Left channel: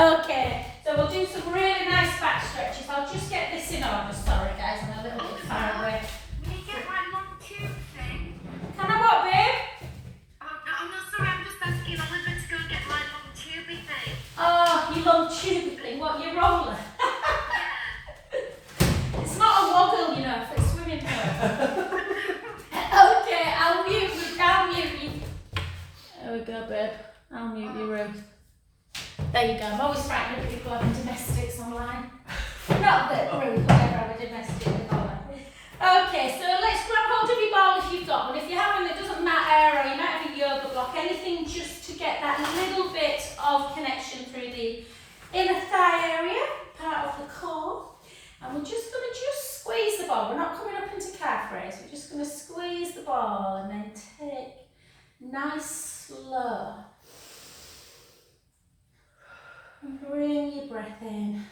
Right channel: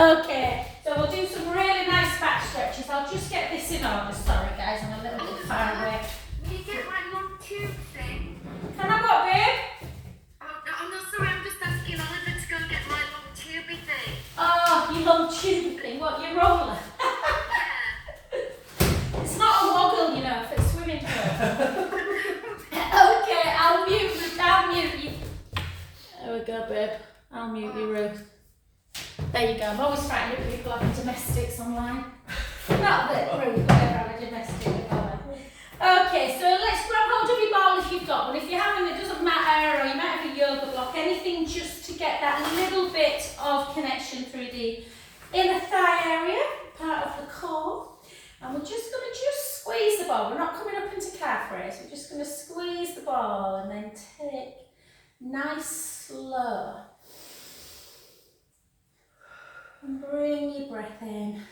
Okay, so we'll do some really nice back stretches. I'll just get this in order. Sorry guys, I'm a little bit far away. Can you get my long tube thing? Can I what, babe? Oh, no, sorry, I'm just asking Oliver to go get my long tubey thing. Oh, your long tube thing. What, your roller? Yeah. It's not a woggle, you know, for swimming pool. Okay, I'll mute you. There we go, babe. I'll mute you, Ruth. There you go. I'm always frightened of people having domestics online. Not that Ruth will ever have a domestic with her. Okay, so let's grab hold of your ball if you've got one. If you haven't, it doesn't matter, or you might have a yoga block, anything just to get that little bit of connection through the inner thigh area, part of the core. And we're just going to squeeze the ball. We're not coming up into calf raise. We're just going to squeeze the ball and then take nice, slow. And bring your breath in.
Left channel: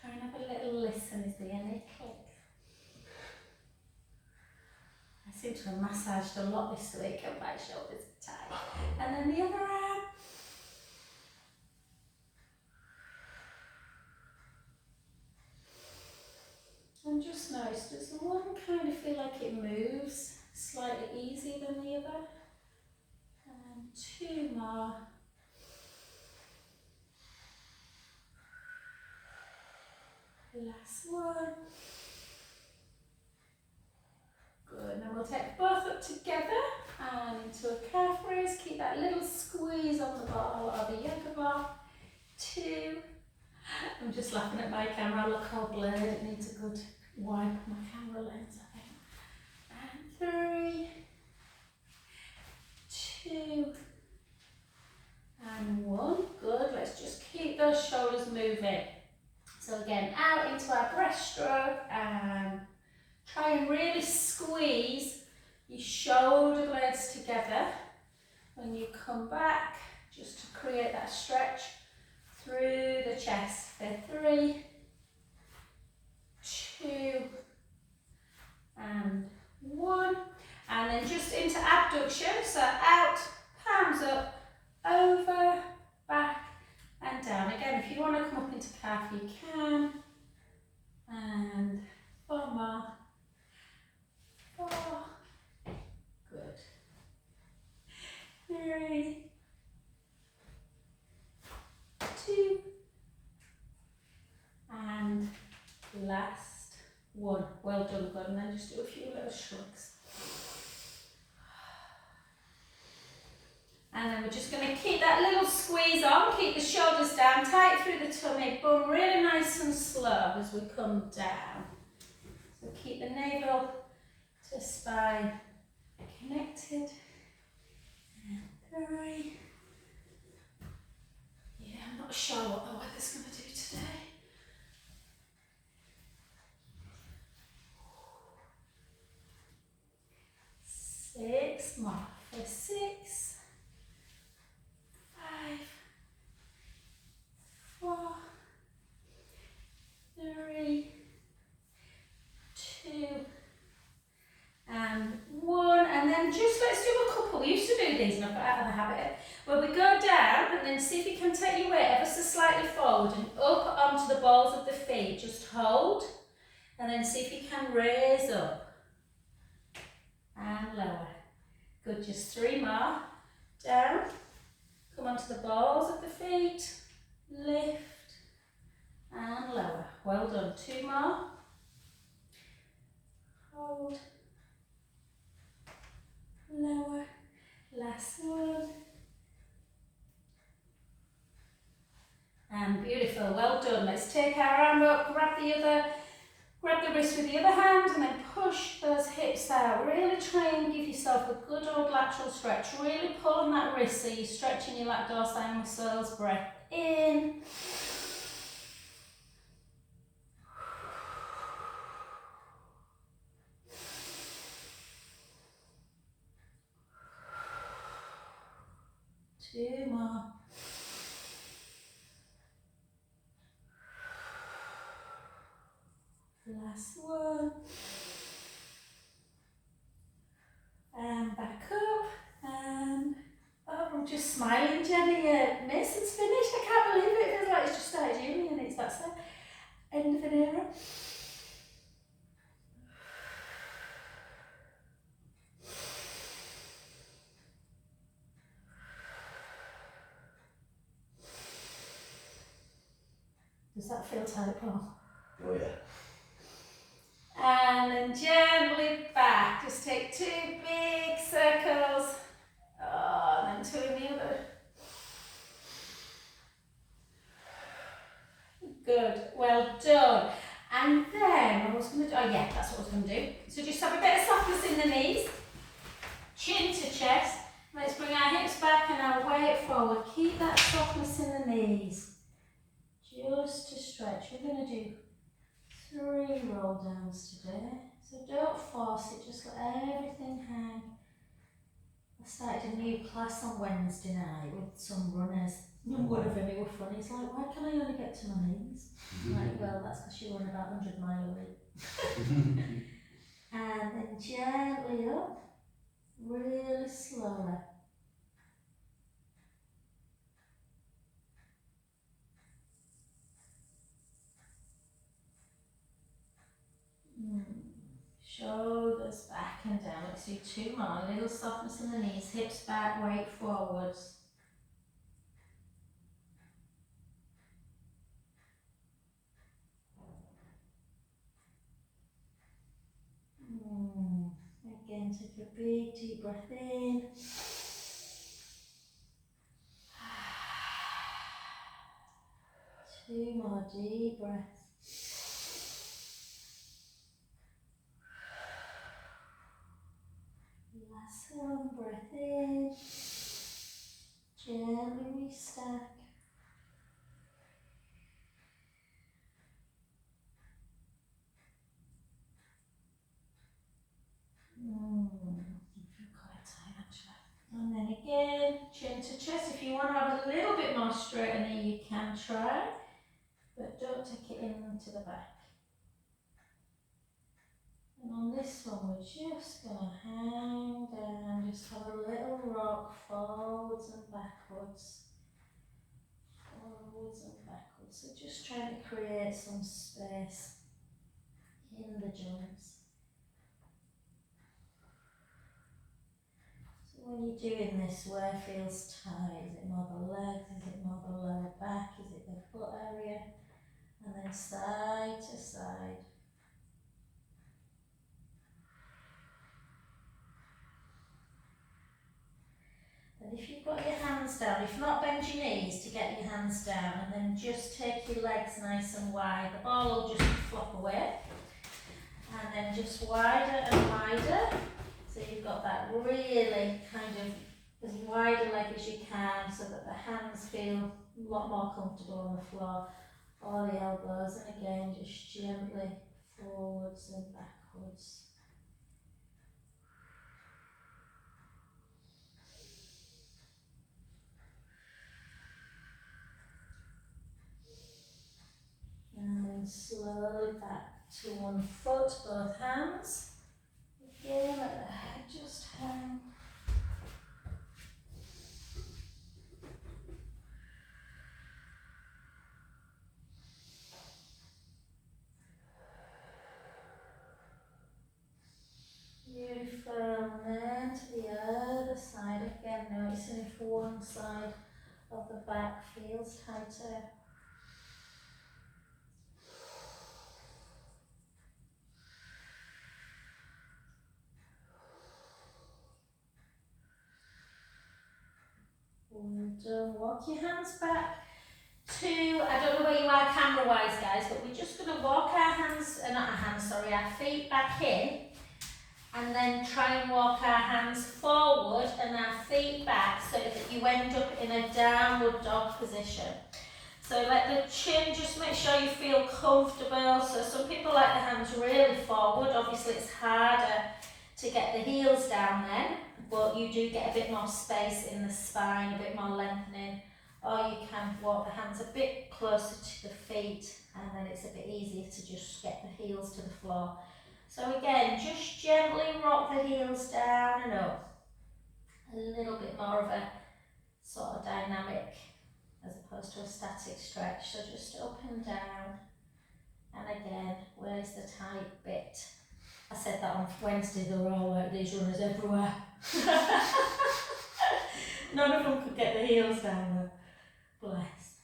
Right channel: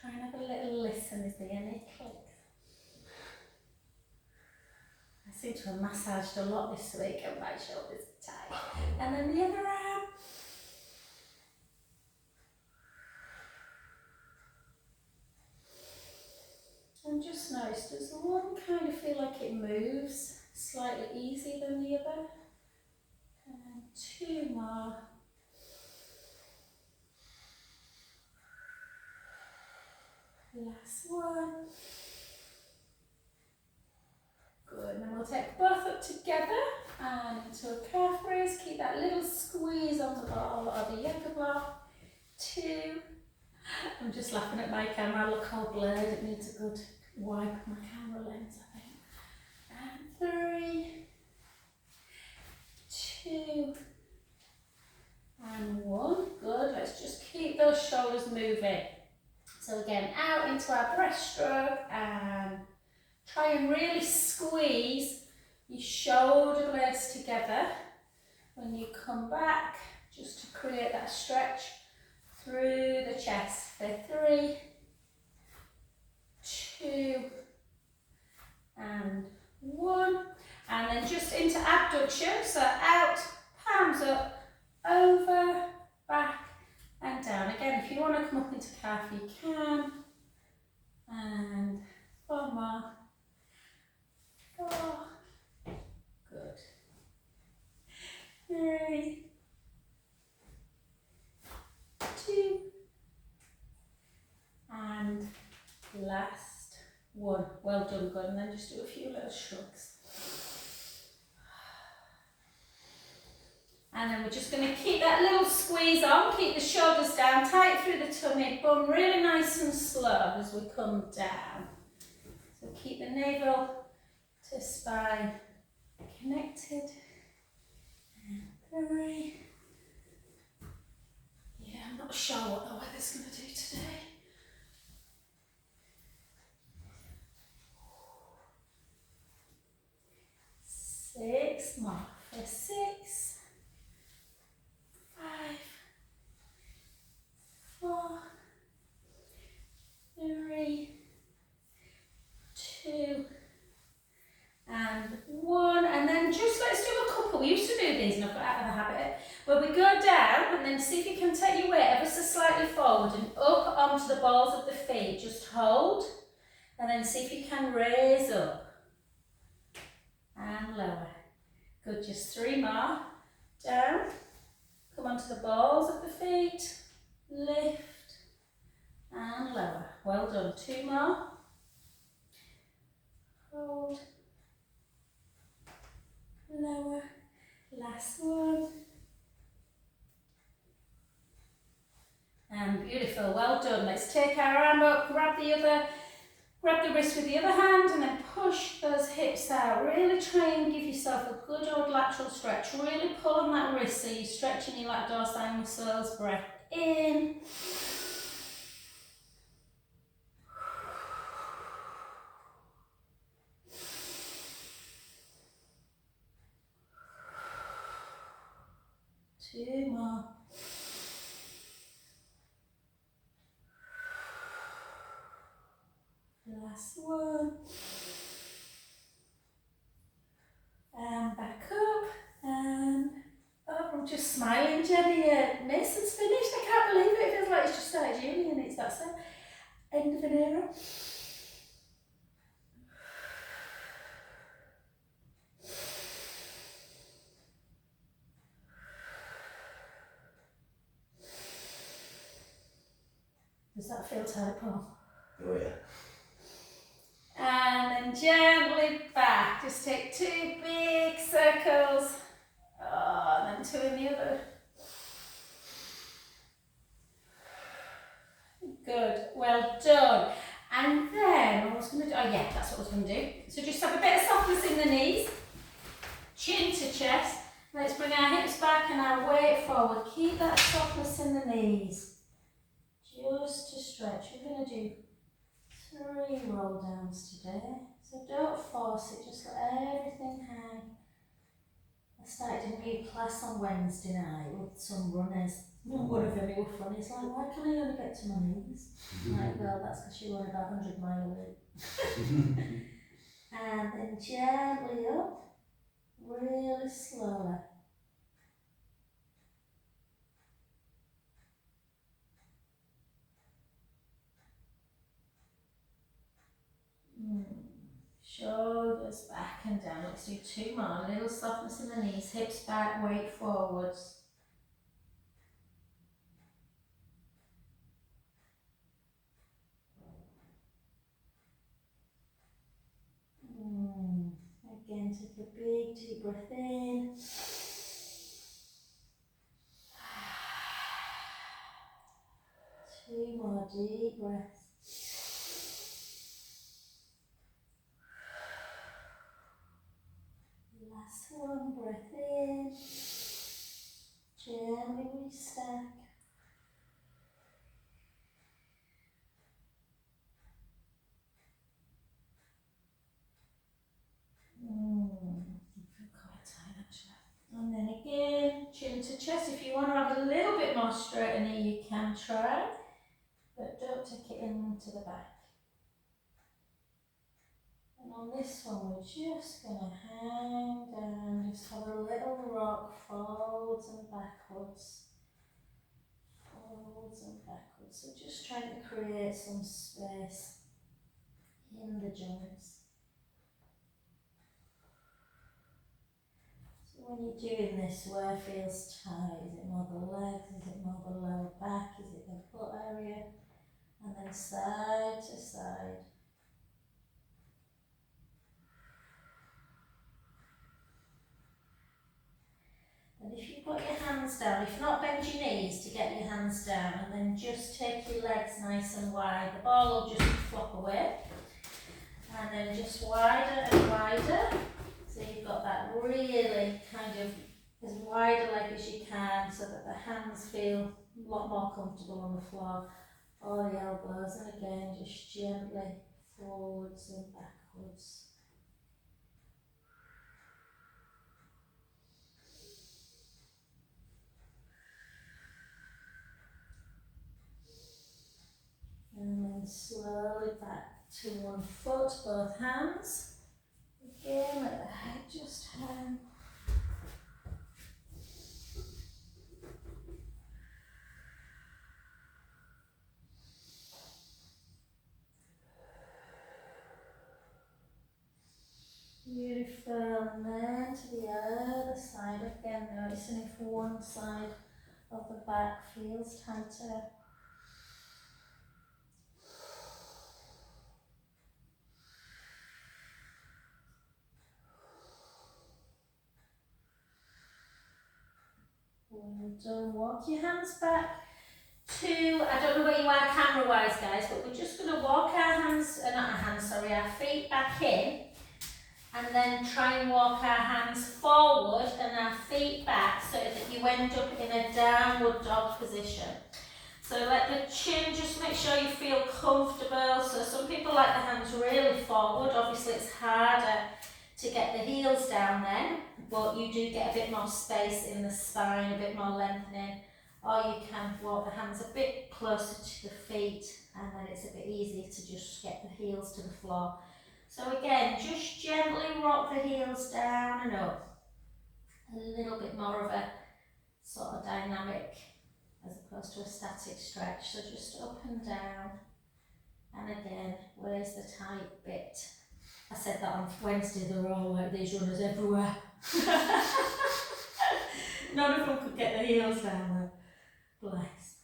Try and have a little listen. Is there any click? I seem to have massaged a lot this week and my shoulders are tight. And then the other arm. And just notice, does the one kind of feel like it moves slightly easier than the other? And two more. Last one. Good, now we'll take both up together and into a calf raise. Keep that little squeeze on the ball of the yoga block. Two. I'm just laughing at my camera, I look all blurred, it needs a good wipe of my camera lens, I think. And three. Two. And one. Good, let's just keep those shoulders moving. So again, out into our breaststroke and try and really squeeze your shoulder blades together. When you come back, just to create that stretch through the chest. There, three, two, and one. And then just into abduction, so out, palms up, over, back, and down. Again, if you want to come up into calf, you can. And four more. Four. Good. Three. Two. And last one. Well done, good. And then just do a few little shrugs. And then we're just going to keep that little squeeze on, keep the shoulders down, tight through the tummy, bum really nice and slow as we come down. So keep the navel to spine connected. And three. Yeah, I'm not sure what the weather's going to do today. Six more. For six. 5, 4, 3, 2, and 1. And then just let's do a couple. We used to do these and I've got out of the habit. Where we go down and then see if you can take your weight ever so slightly forward and up onto the balls of the feet. Just hold. And then see if you can raise up. And lower. Good, just 3 more. Down. Come onto the balls of the feet, lift and lower. Well done. 2 more. Hold, lower. Last one. And beautiful. Well done. Let's take our arm up, grab the wrist with the other hand and then push those hips out. Really try and give yourself a good old lateral stretch. Really pull on that wrist so you're stretching your lat dorsal muscles. Breath in. Two more. Last one. And back up and I'm just smiling, Jenny. Miss, it's finished. I can't believe it. It feels like it's just started uni and it's that's the end of an era. Does that feel tight, Paul? Oh yeah. And then gently back. Just take 2 big circles. Oh, and then 2 in the other. Good. Well done. And then I was going to do, oh yeah, that's what I was going to do. So just have a bit of softness in the knees, chin to chest. Let's bring our hips back and our weight forward. Keep that softness in the knees. Just to stretch. We're going to do 3 roll downs today. So don't force it, just let everything hang. I started a new class on Wednesday night with some runners. One of them, they were funny. It's like, why can I only get to my knees? I'm like, well, that's because you run about 100 mile a week. And then gently up, really slowly. Shoulders back and down. Let's do 2 more. A little softness in the knees, hips back, weight forwards. Again, take a big deep breath in. 2 more deep breaths. Last one, breath in. Gently restack. I feel quite tight actually. And then again, chin to chest. If you want to have a little bit more straightener, you can try, but don't take it into the back. And on this one, we're just going to hang down, just have a little rock forwards and backwards. Forwards and backwards. So just trying to create some space in the joints. So when you're doing this, where feels tight? Is it more the legs? Is it more the lower back? Is it the butt area? And then side to side. And if you put your hands down, if not, bend your knees to get your hands down, and then just take your legs nice and wide. The ball will just flop away. And then just wider and wider. So you've got that really kind of as wide a leg as you can, so that the hands feel a lot more comfortable on the floor, or the elbows, and again just gently forwards and backwards. And then slowly back to one foot, both hands. Again, let the head just hang. Beautiful, and then to the other side again, noticing if one side of the back feels tighter. And walk your hands back to, I don't know where you are camera wise guys, but we're just going to walk our hands, not our hands, sorry, our feet back in, and then try and walk our hands forward and our feet back so that you end up in a downward dog position. So let the chin, just make sure you feel comfortable. So some people like the hands really forward. Obviously it's harder to get the heels down then, but you do get a bit more space in the spine, a bit more lengthening. Or you can walk the hands a bit closer to the feet, and then it's a bit easier to just get the heels to the floor. So again, just gently rock the heels down and up. A little bit more of a to a static stretch, so just up and down. And again, where's the tight bit? I said that on Wednesday, they were all like these runners everywhere. None of them could get the heels down though. Bless.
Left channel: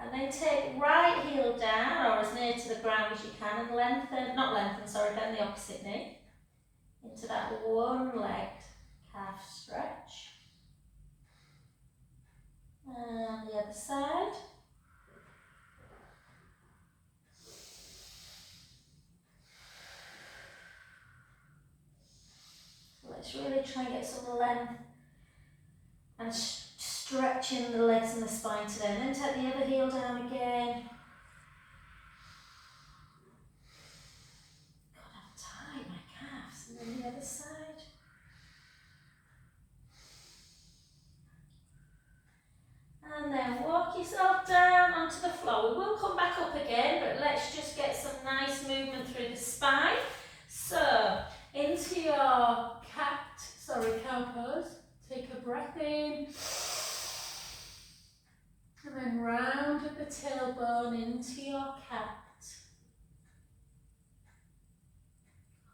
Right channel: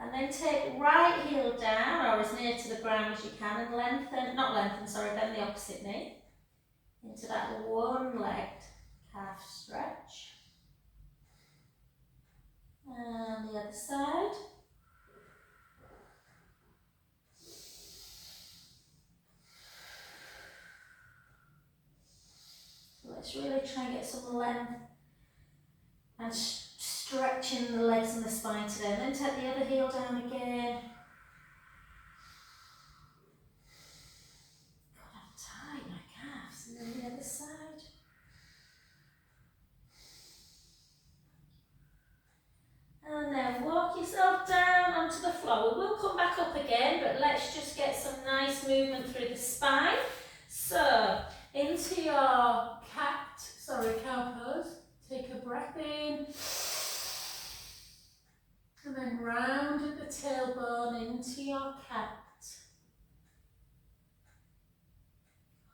And then take right heel down, or as near to the ground as you can, and bend the opposite knee into that one-legged calf stretch. And the other side. So let's really try and get some length and stretching the legs and the spine today. And then take the other heel down again. God, I'm tight, my calves. And then the other side. And then walk yourself down onto the floor. We will come back up again, but let's just get some nice movement through the spine. So, into your cow pose. Take a breath in. And then round at the tailbone into your cat.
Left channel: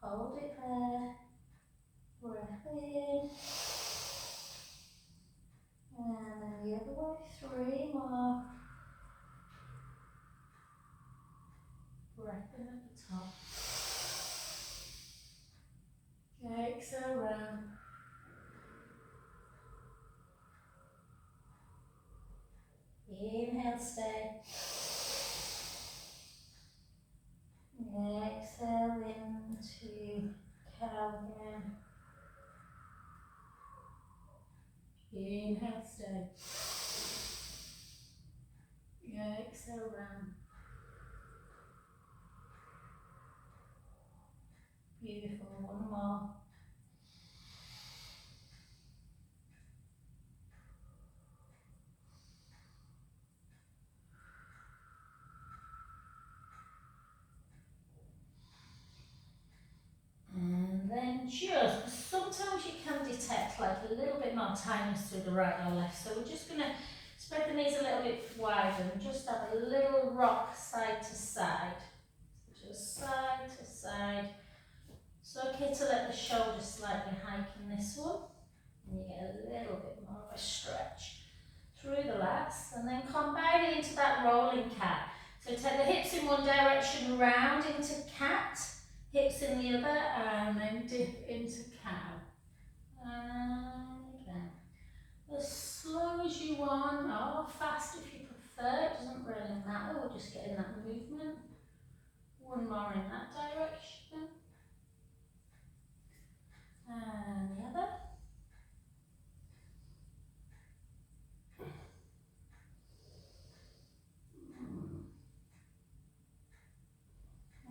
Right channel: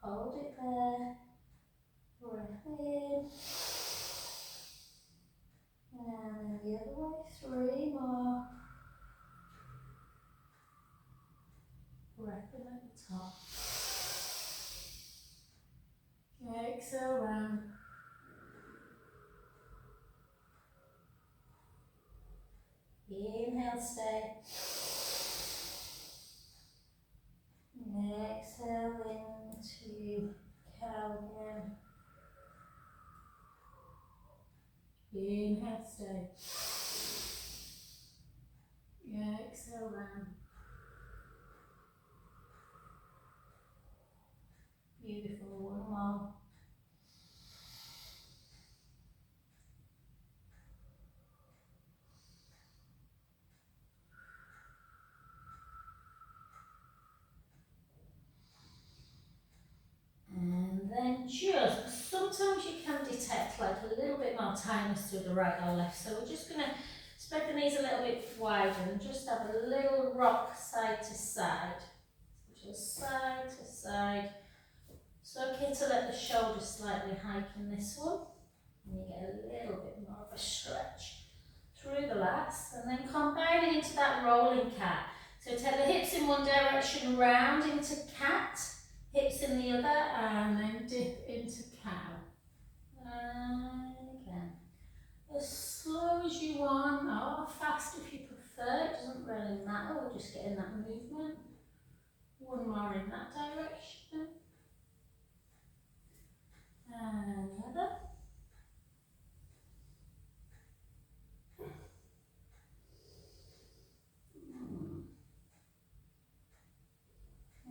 Hold it there. Breath in. And the other way, 3 more. Breath in at the top. Exhale round. Inhale, stay. Exhale into cow again. Inhale, stay. Exhale round. Beautiful, one more. And then just, sometimes you can detect like a little bit more tightness through the right or left. So we're just going to spread the knees a little bit wider and just have a little rock side to side. Just side to side. It's okay to let the shoulders slightly hike in this one. And you get a little bit more of a stretch through the lats. And then combine it into that rolling cat. So take the hips in one direction, round into cat. Hips in the other, and then dip into cow. And again. As slow as you want, or fast if you prefer, it doesn't really matter, we're just getting that movement. One more in that direction. And the other.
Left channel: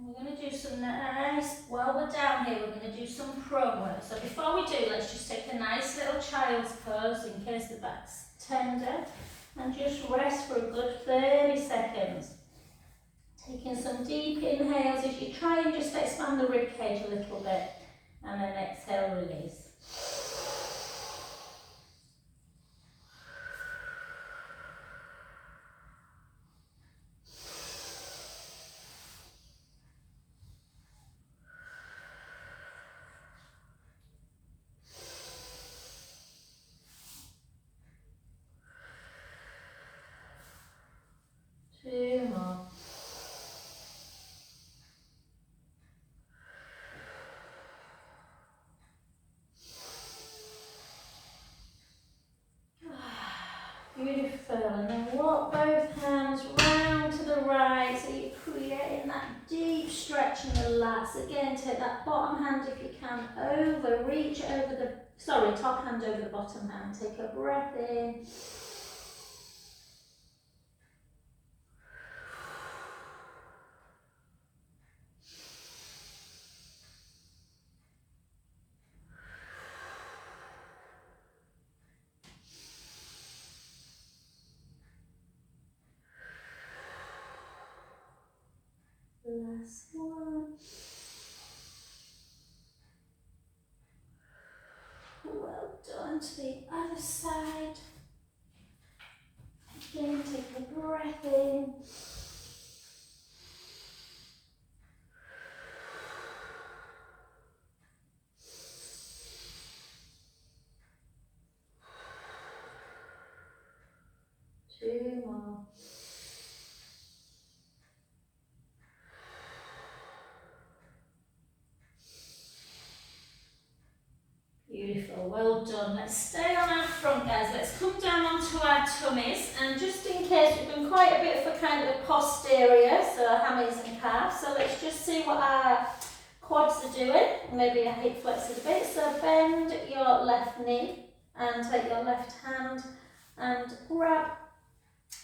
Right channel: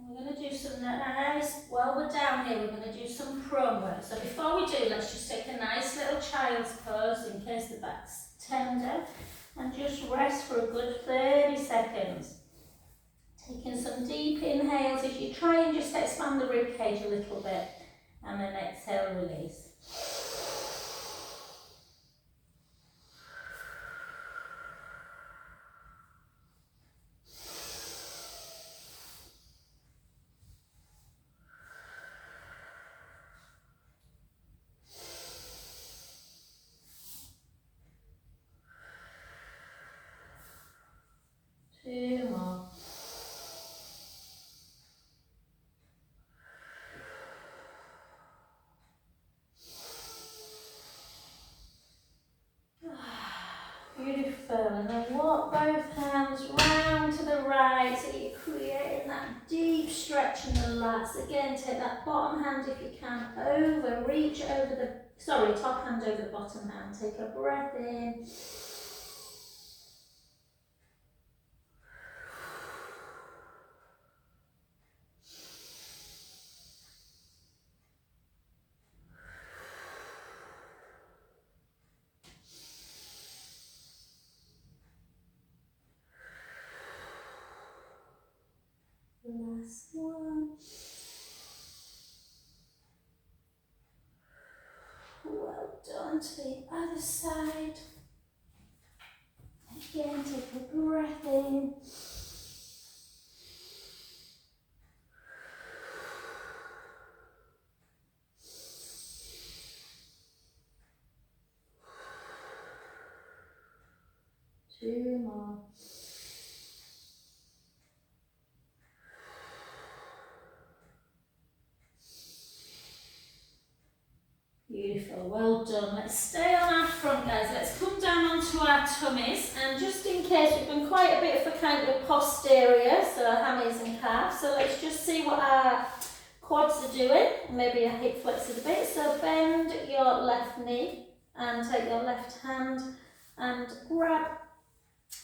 We're going to do some nice, while we're down here, we're going to do some prone work. So before we do, let's just take a nice little child's pose in case the back's tender. And just rest for a good 30 seconds. Taking some deep inhales as you try and just expand the rib cage a little bit. And then exhale, release. Two more. Beautiful. And then walk both hands round to the right so you're creating that deep stretch in the lats. Again, take that bottom hand if you can over, reach over the, top hand over the bottom hand. Take a breath in. Last one. Well done. To the other side. Again, take a 2 more. Beautiful, well done. Let's stay on our front, guys. Let's come down onto our tummies, and just in case, we've done quite a bit for kind of posterior, so our hammies and calves. So let's just see what our quads are doing. Maybe our hip flexes a bit. So bend your left knee and take your left hand and grab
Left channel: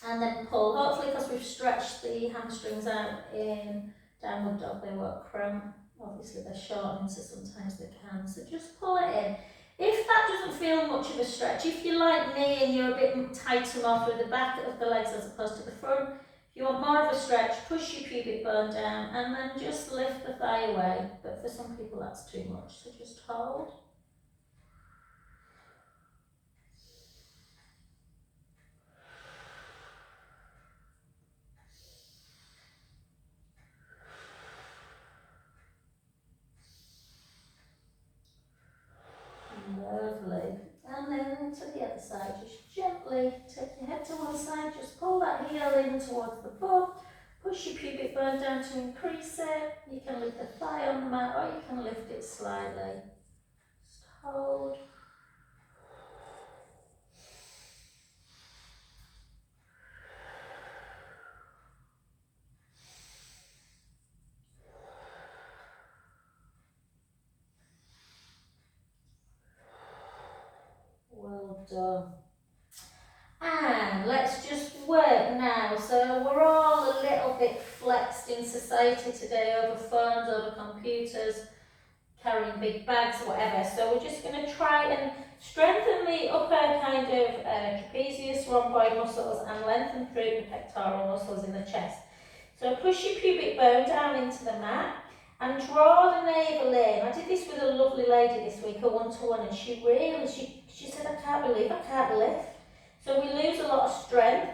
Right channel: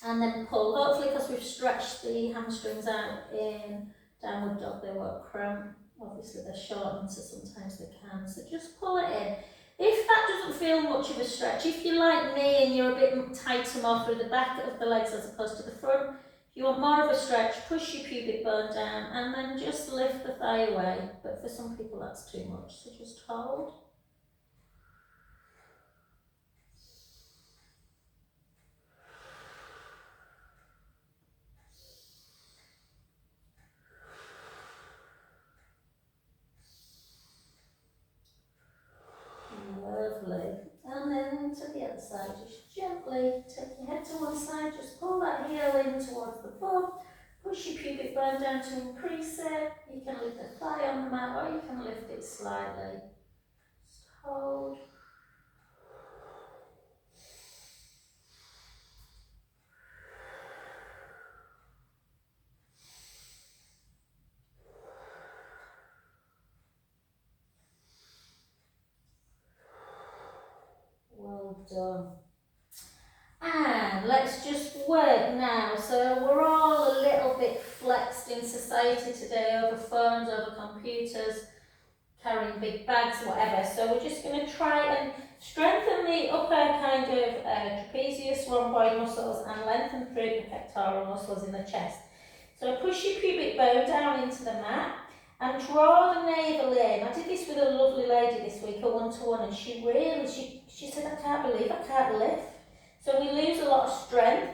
and then pull. Hopefully, because we've stretched the hamstrings out in downward dog, they won't cramp. Obviously they're shortening, so sometimes they can. So just pull it in. If that doesn't feel much of a stretch, if you're like me and you're a bit tighter more through the back of the legs as opposed to the front, if you want more of a stretch, push your pubic bone down and then just lift the thigh away. But for some people that's too much, so just hold. Lovely. And then to the other side, just gently take your head to one side, just pull that heel in towards the bum, push your pubic bone down to increase it. You can lift the thigh on the mat or you can lift it slightly. Just hold. Well done. And let's just work now. So we're all a little bit flexed in society today over phones, over computers, carrying big bags, whatever. So we're just going to try and strengthen the upper kind of trapezius, rhomboid muscles and lengthen through the pectoral muscles in the chest. So push your pubic bone down into the mat and draw the navel in. I did this with a lovely lady this week, a one-to-one, and she said, I can't believe I can't lift. So we lose a lot of strength.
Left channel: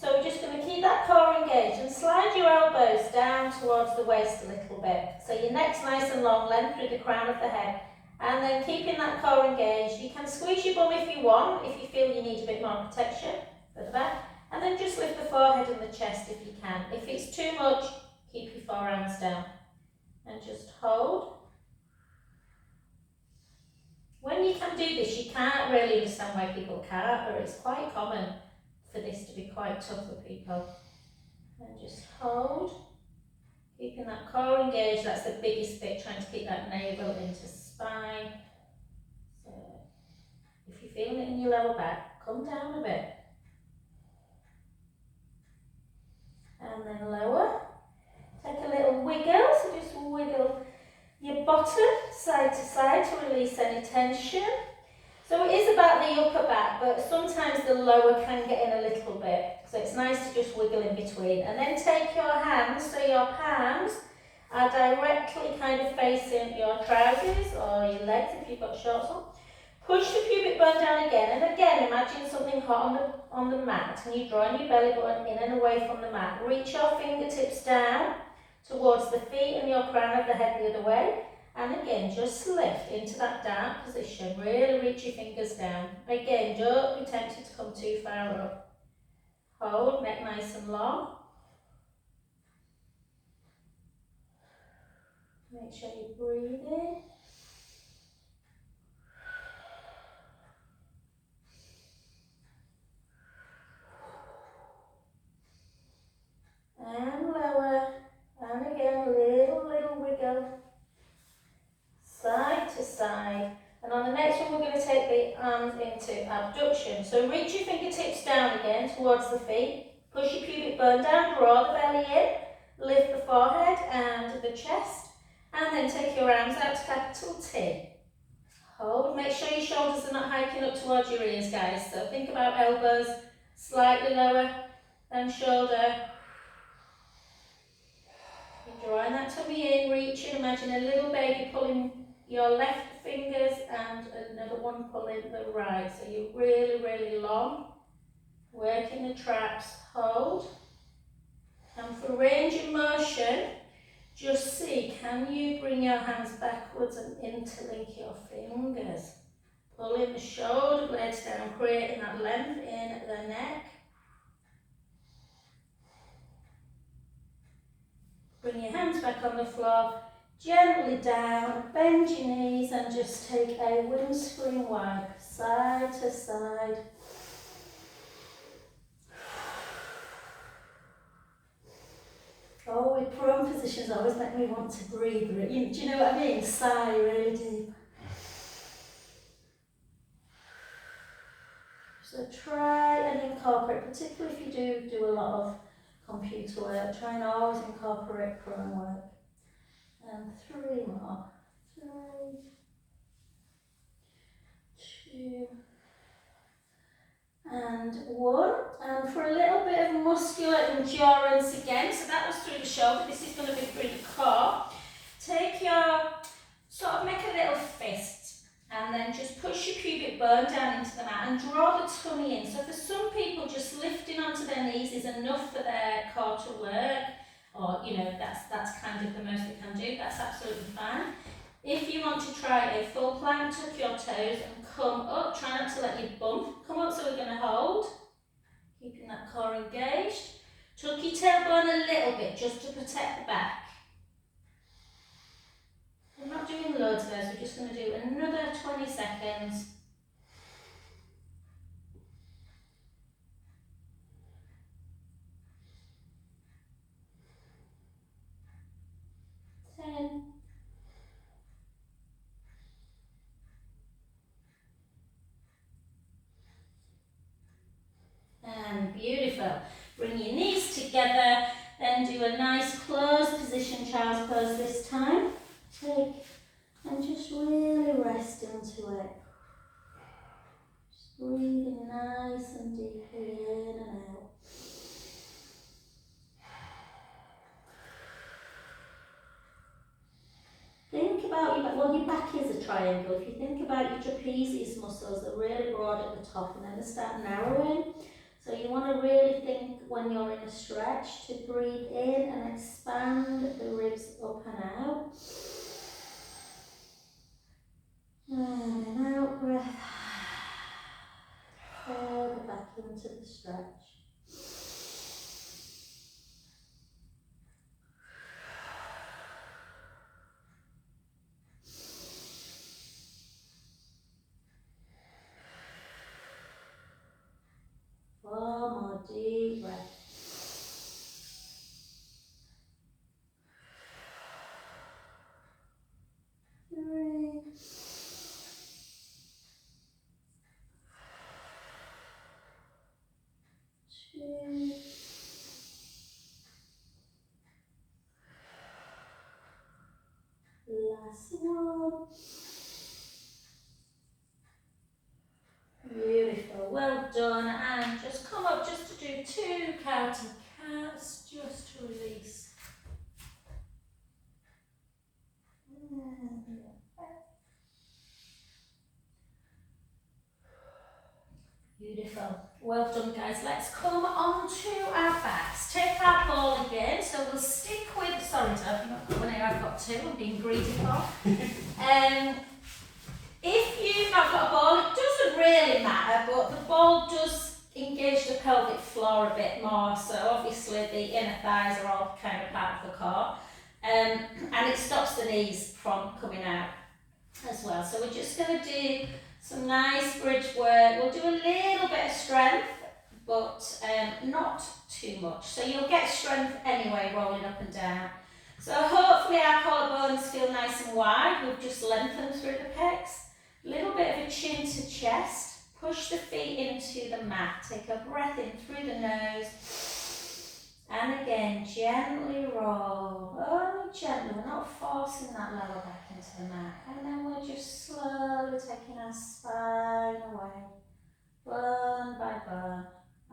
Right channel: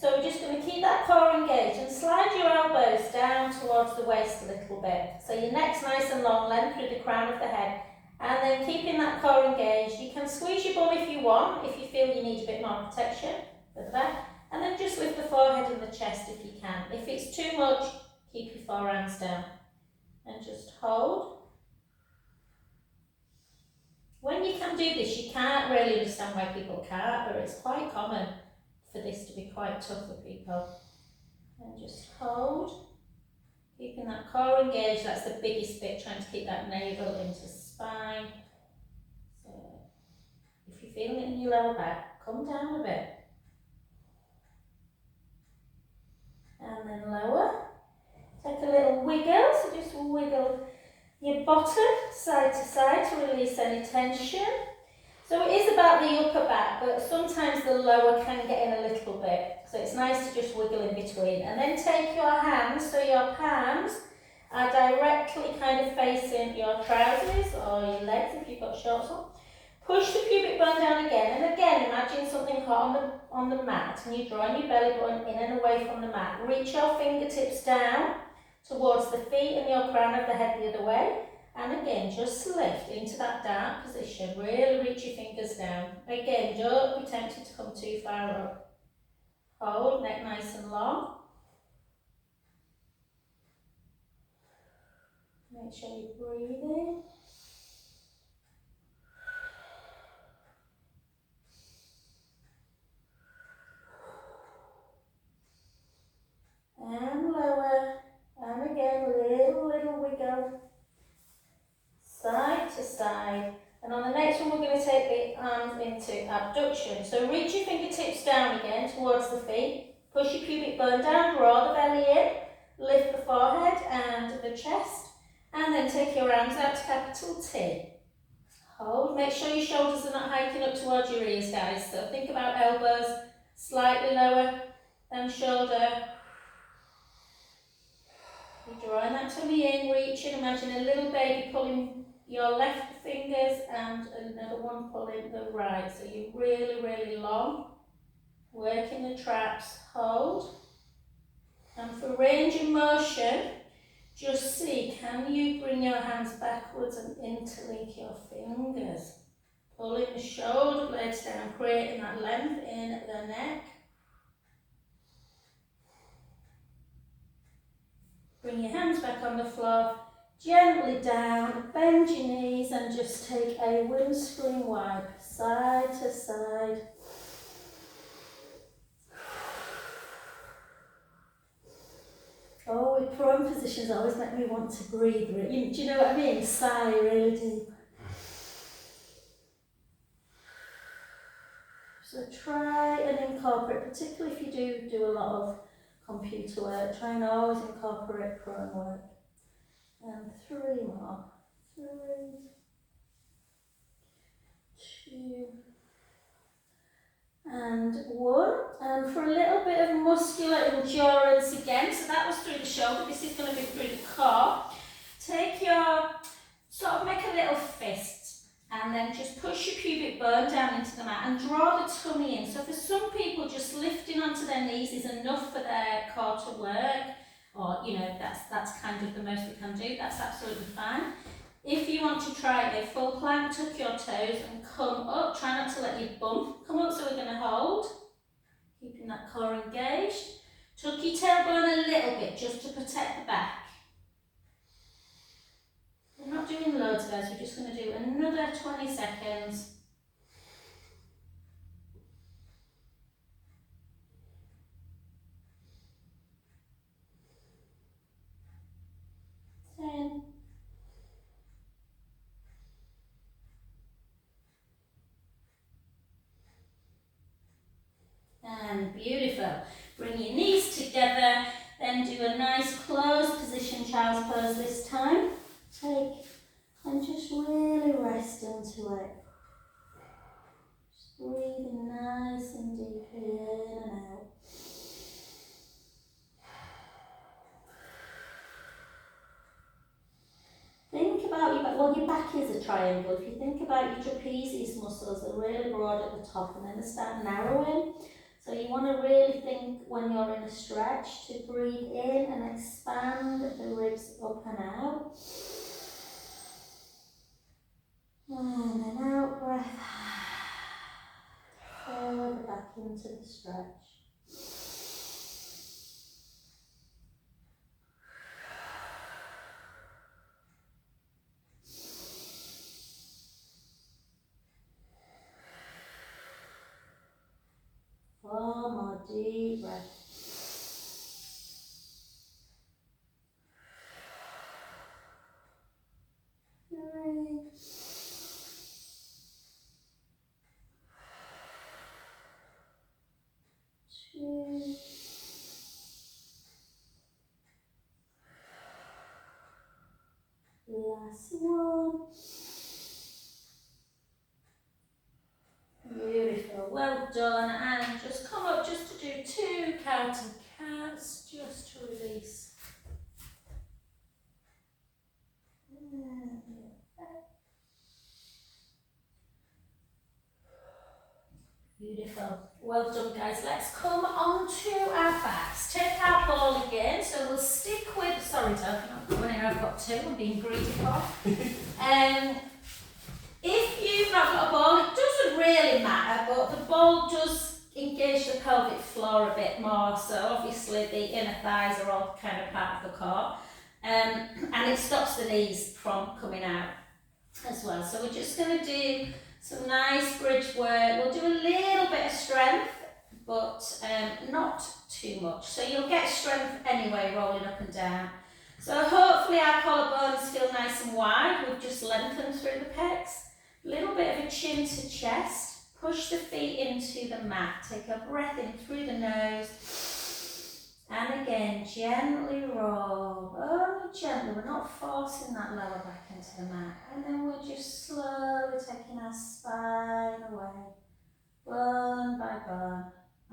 So we're just going to keep that core engaged and slide your elbows down towards the waist a little bit. So your neck's nice and long, length through the crown of the head. And then keeping that core engaged, you can squeeze your bum if you want, if you feel you need a bit more protection for the back. And then just lift the forehead and the chest if you can. If it's too much, keep your forearms down. And just hold. When you can do this, you can't really understand why people can't, but it's quite common for this to be quite tough for people. And just hold. Keeping that core engaged, that's the biggest bit, trying to keep that navel into spine. So if you're feeling it in your lower back, come down a bit. And then lower. Take a little wiggle, so just wiggle your bottom side to side to release any tension. So it is about the upper back, but sometimes the lower can get in a little bit. So it's nice to just wiggle in between. And then take your hands, so your palms are directly kind of facing your trousers or your legs if you've got shorts on. Push the pubic bone down again, and again imagine something hot on the mat, and you're drawing your belly button in and away from the mat. Reach your fingertips down towards the feet and your crown of the head the other way. And again, just lift into that down position. Really reach your fingers down. Again, don't be tempted to come too far up. Hold, neck nice and long. Make sure you breathe in. And lower. And again, little wiggle. Side to side. And on the next one, we're going to take the arms into abduction. So reach your fingertips down again towards the feet. Push your pubic bone down, draw the belly in, lift the forehead and the chest, and then take your arms out to capital T. Hold, make sure your shoulders are not hiking up towards your ears, guys. So think about elbows slightly lower than shoulder. You're drawing that tummy in, reaching, imagine a little baby pulling your left fingers and another one pulling the right. So you're really long. Working the traps, hold. And for range of motion, just see, can you bring your hands backwards and interlink your fingers? Pulling the shoulder blades down, creating that length in the neck. Bring your hands back on the floor, gently down, bend your knees and just take a windscreen wipe, side to side. Oh, with prone positions always make me want to breathe. Do you know what I mean? Sigh really deep. So try and incorporate, particularly if you do a lot of computer work, try and always incorporate prone work. And 3 more. 3, 2, and 1. And for a little bit of muscular endurance again, so that was through the shoulder, this is going to be through the core. Take your, sort of make a little fist, and then just push your pubic bone down into the mat and draw the tummy in. So for some people, just lifting onto their knees is enough for their core to work, or you know, that's kind of the most they can do. That's absolutely fine. If you want to try a full plank, tuck your toes and come up. Try not to let your bum come up, so we're going to hold, keeping that core engaged. Tuck your tailbone a little bit just to protect the back. We're not doing loads guys, we're just going to do another 20 seconds. 10. And beautiful. Bring your knees together, then do a nice closed position, child's pose this time. Take and just really rest into it. Just breathing nice and deeply in and out. Think about your back. Well, your back is a triangle. If you think about your trapezius muscles, they're really broad at the top and then they start narrowing. So you want to really think when you're in a stretch to breathe in and expand the ribs up and out. And then out breath. Further back into the stretch. Four more deep breaths. 3. 2. Last one. Beautiful, well done. And just come up just to do 2 counting counts, just to release. Beautiful, well done guys. Let's come on to our backs. Take our ball again, so we'll stick with, sorry Dad, I'm not going here, I've got 2, I'm being greedy for. If you've not got a ball, it doesn't really matter, but the ball does engage the pelvic floor a bit more, so obviously the inner thighs are all kind of part of the core, and it stops the knees from coming out as well. So we're just going to do some nice bridge work. We'll do a little bit of strength, but not too much. So you'll get strength anyway, rolling up and down. So hopefully our collarbones feel nice and wide. We've just lengthened through the pecs. A little bit of a chin to chest. Push the feet into the mat. Take a breath in through the nose. And again, gently roll. Only gently. We're not forcing that lower back into the mat. And then we're just slowly taking our spine away. Bone by bone.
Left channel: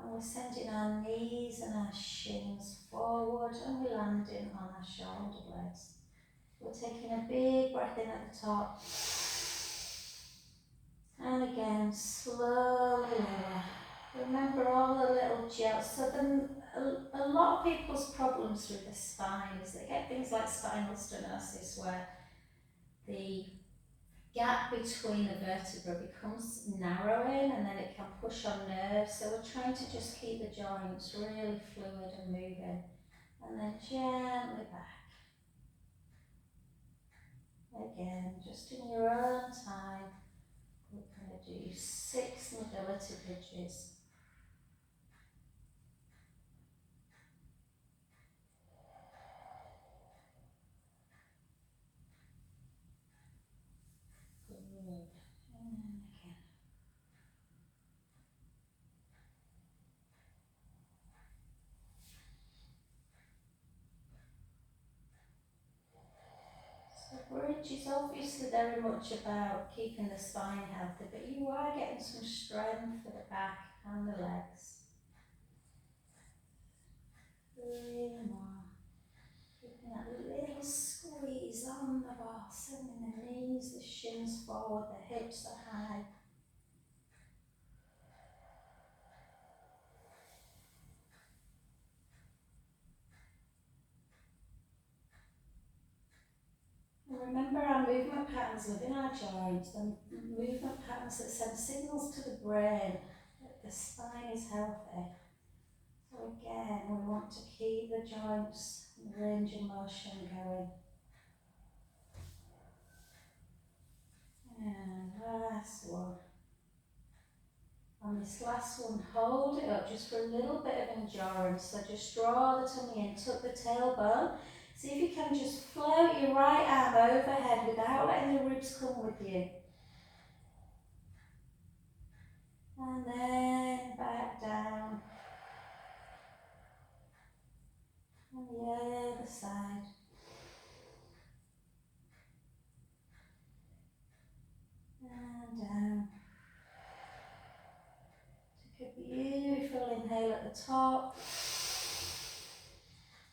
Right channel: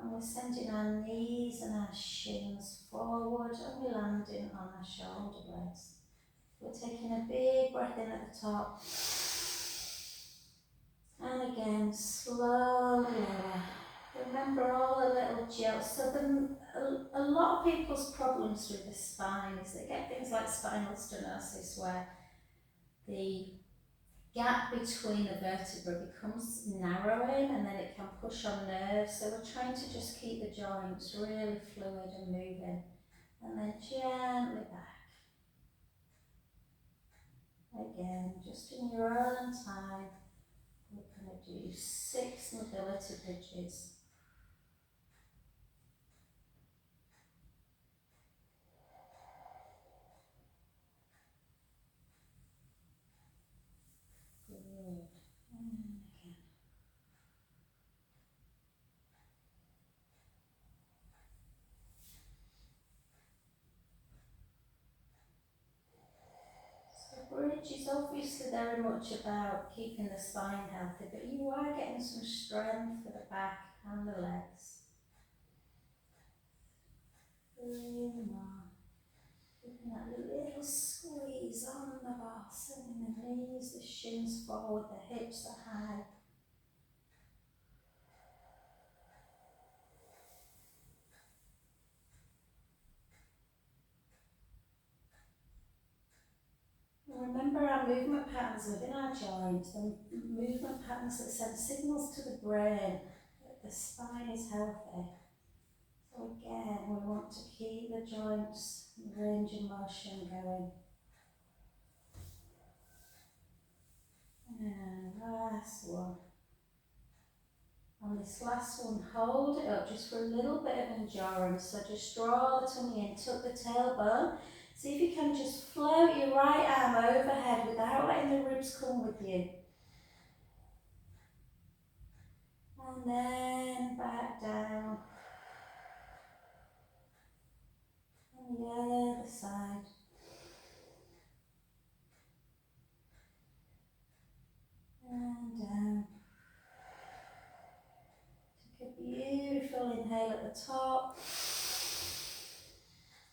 And we're sending our knees and our shins forward. And we're landing on our shoulder blades. We're taking a big breath in at the top. And again, slowly lower. Remember all the little gels. So a lot of people's problems with the spine is they get things like spinal stenosis where the gap between the vertebrae becomes narrowing and then it can push on nerves. So we're trying to just keep the joints really fluid and moving. And then gently back. Again, just in your own time, we're going to do 6 mobility bridges. Good. And again. So bridge is obviously very much about keeping the spine healthy, but you are getting some strength for the back and the legs. 3 more. Keeping that little squeeze on the bar, sending the knees, the shins forward, the hips are high. And remember, our movement patterns within our joints, the movement patterns that send signals to the brain that the spine is healthy. So again, we want to keep the joints and the range of motion going. And last one. On this last one, hold it up just for a little bit of endurance. So just draw the tummy in, tuck the tailbone. See if you can just float your right arm overhead without letting the ribs come with you. And then back down. And the other side. And down. Take a beautiful inhale at the top.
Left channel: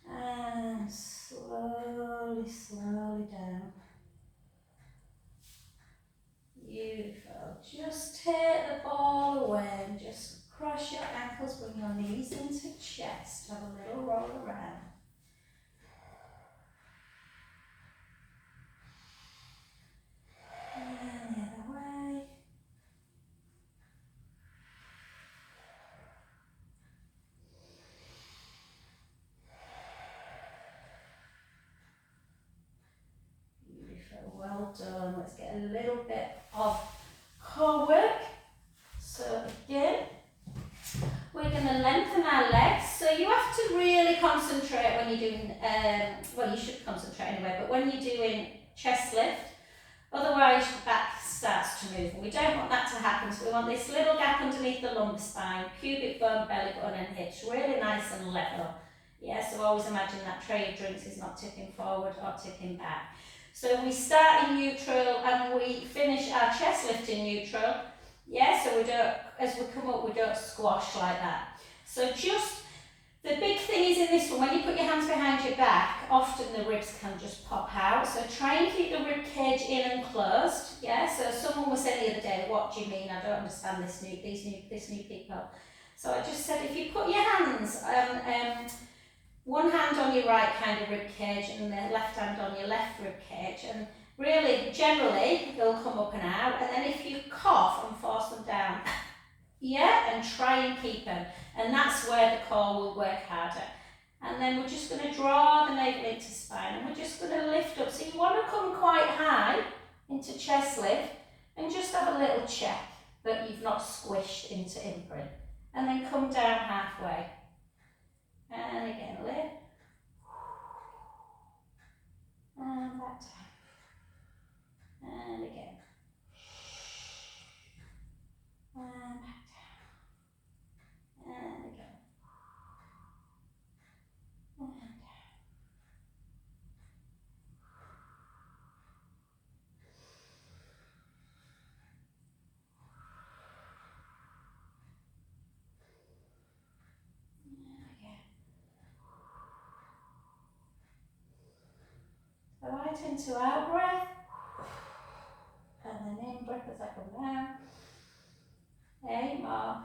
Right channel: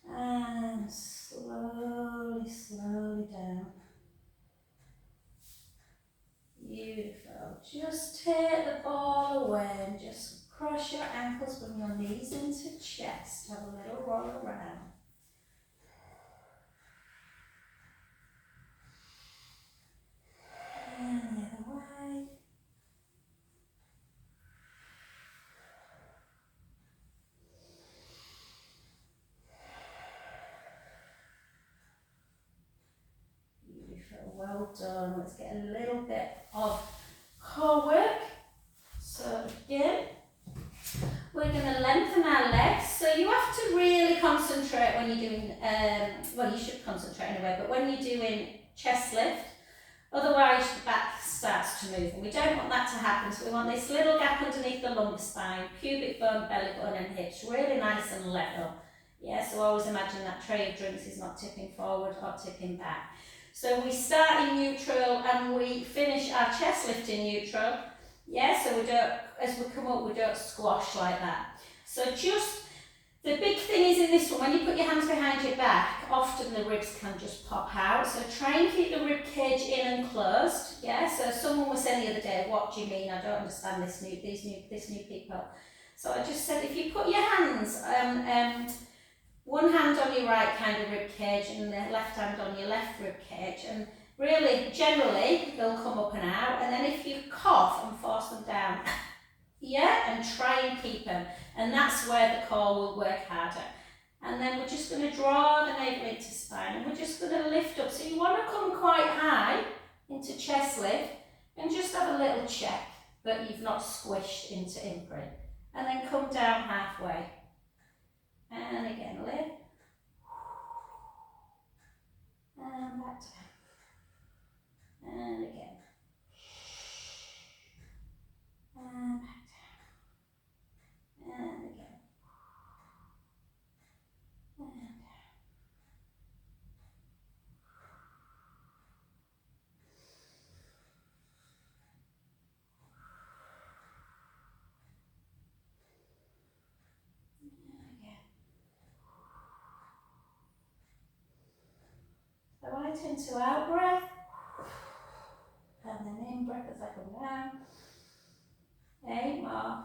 And slowly, slowly down. Beautiful. Just take the ball away and just cross your ankles, bring your knees into chest. Have a little roll around. And the other way. Beautiful. Well done. Let's get a little bit of core work. So again, we're going to lengthen our legs. So you have to really concentrate when you're doing, well, you should concentrate anyway, but when you're doing chest lift, otherwise the back starts to move. And we don't want that to happen. So we want this little gap underneath the lumbar spine, pubic bone, belly button and hips, really nice and level. Yeah, so always imagine that tray of drinks is not tipping forward or tipping back. So we start in neutral and we finish our chest lift in neutral. Yeah, so we don't, as we come up, we don't squash like that. So just, the big thing is in this one, when you put your hands behind your back, often the ribs can just pop out. So try and keep the rib cage in and closed. Yeah, so someone was saying the other day, what do you mean? I don't understand this new people. So I just said, if you put your hands, one hand on your right kind of rib cage and the left hand on your left rib cage, and really, generally, they'll come up and out, and then if you cough and force them down, yeah, and try and keep them, and that's where the core will work harder. And then we're just going to draw the navel into spine, and we're just going to lift up. So you want to come quite high into chest lift, and just have a little check that you've not squished into imprint. And then come down halfway. And again, lift. And back down. And again. And back down. And again. And down. And again. So right into out breath. And then in breath as I come down. 8 more.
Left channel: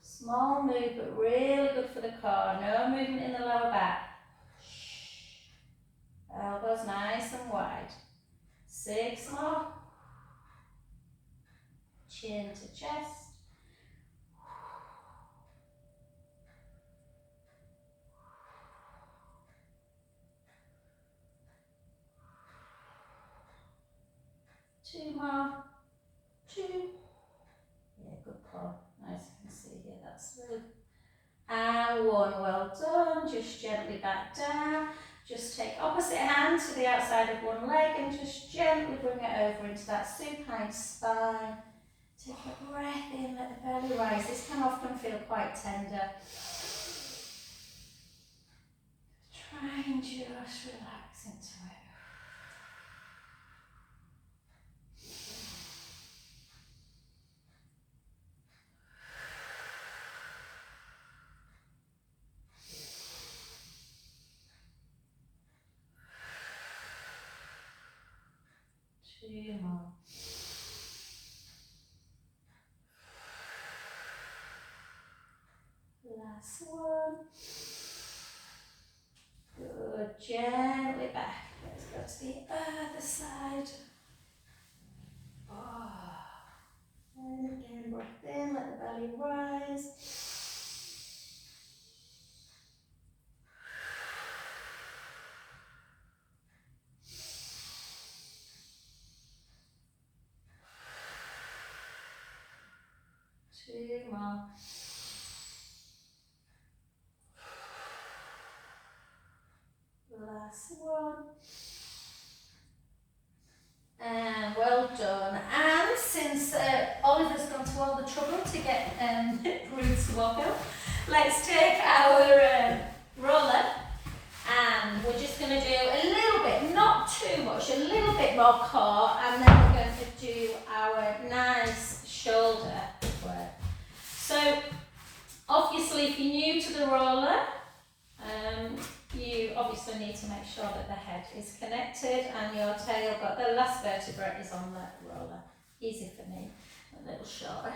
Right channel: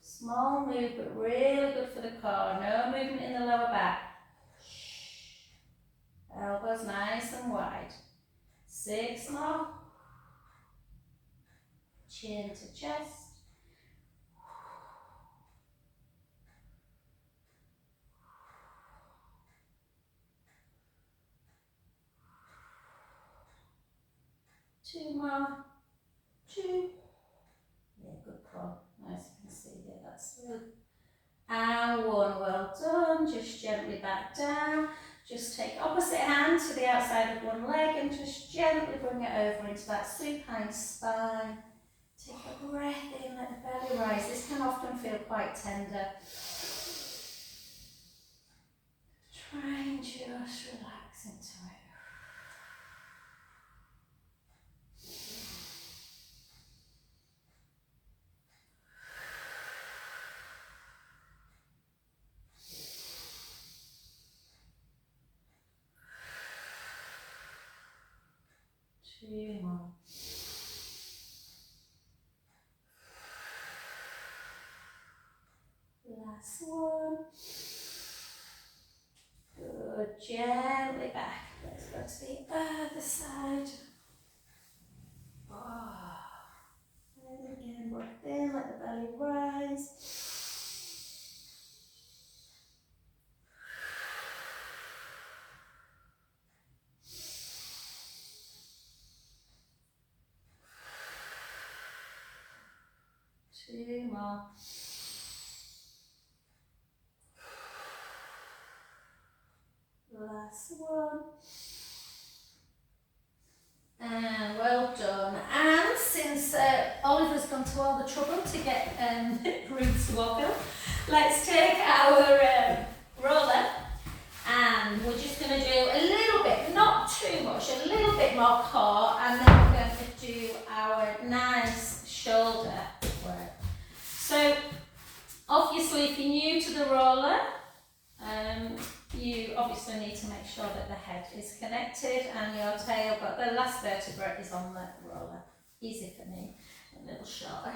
Small move, but really good for the core. No movement in the lower back. Elbows nice and wide. 6 more. Chin to chest. 2 more. 2. Yeah, good pull. Nice, you can see here, that's really. And 1, well done. Just gently back down. Just take opposite hand to the outside of one leg and just gently bring it over into that supine spine. Take a breath in, let the belly rise. This can often feel quite tender. Try and just relax into it. 2 more. Last one. Good. Gently back. Let's go to the other side. Oh. And again, breath in, let the belly rise. Two more. Last one. And well done. And since Oliver's gone to all the trouble to get Ruth to walk up, let's take our roller and we're just going to do a little bit, not too much, a little bit more core, and then we're going to do our nice shoulder work. So obviously if you're new to the roller, you obviously need to make sure that the head is connected and your tail, but the last vertebra is on the roller. Easy for me, a little shorter.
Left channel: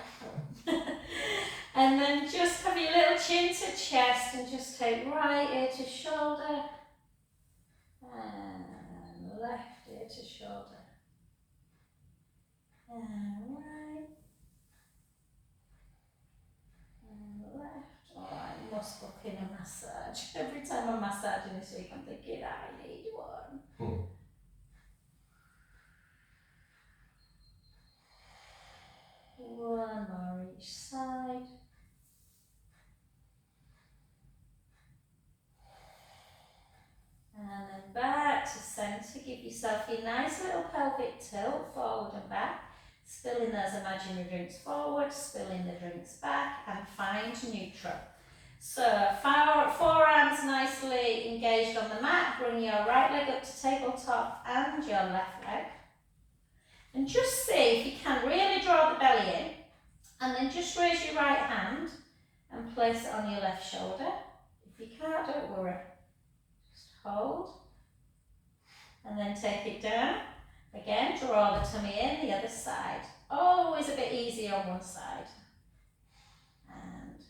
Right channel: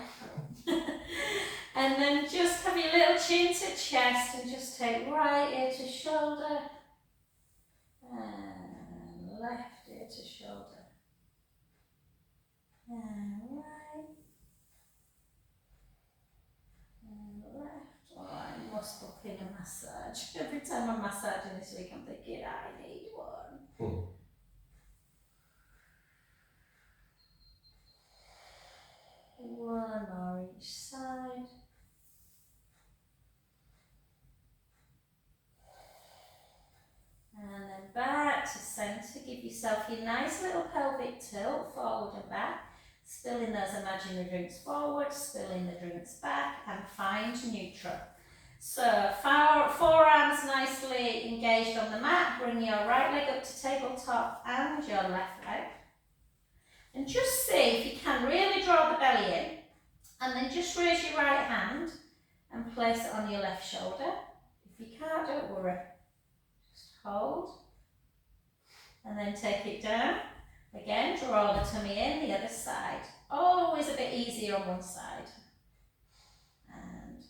And then just have your little chin to chest and just take right ear to shoulder and left ear to shoulder and right and left. Oh, I must book in a massage. Every time I'm massaging this week I'm thinking I need one. One more each side. And then back to centre. Give yourself your nice little pelvic tilt forward and back. Spilling those imaginary drinks forward, spilling the drinks back, and find neutral. So forearms nicely engaged on the mat. Bring your right leg up to tabletop and your left leg. And just see if you can really draw the belly in. And then just raise your right hand and place it on your left shoulder. If you can't, don't worry. Just hold. And then take it down. Again, draw the tummy in, the other side. Always a bit easier on one side. And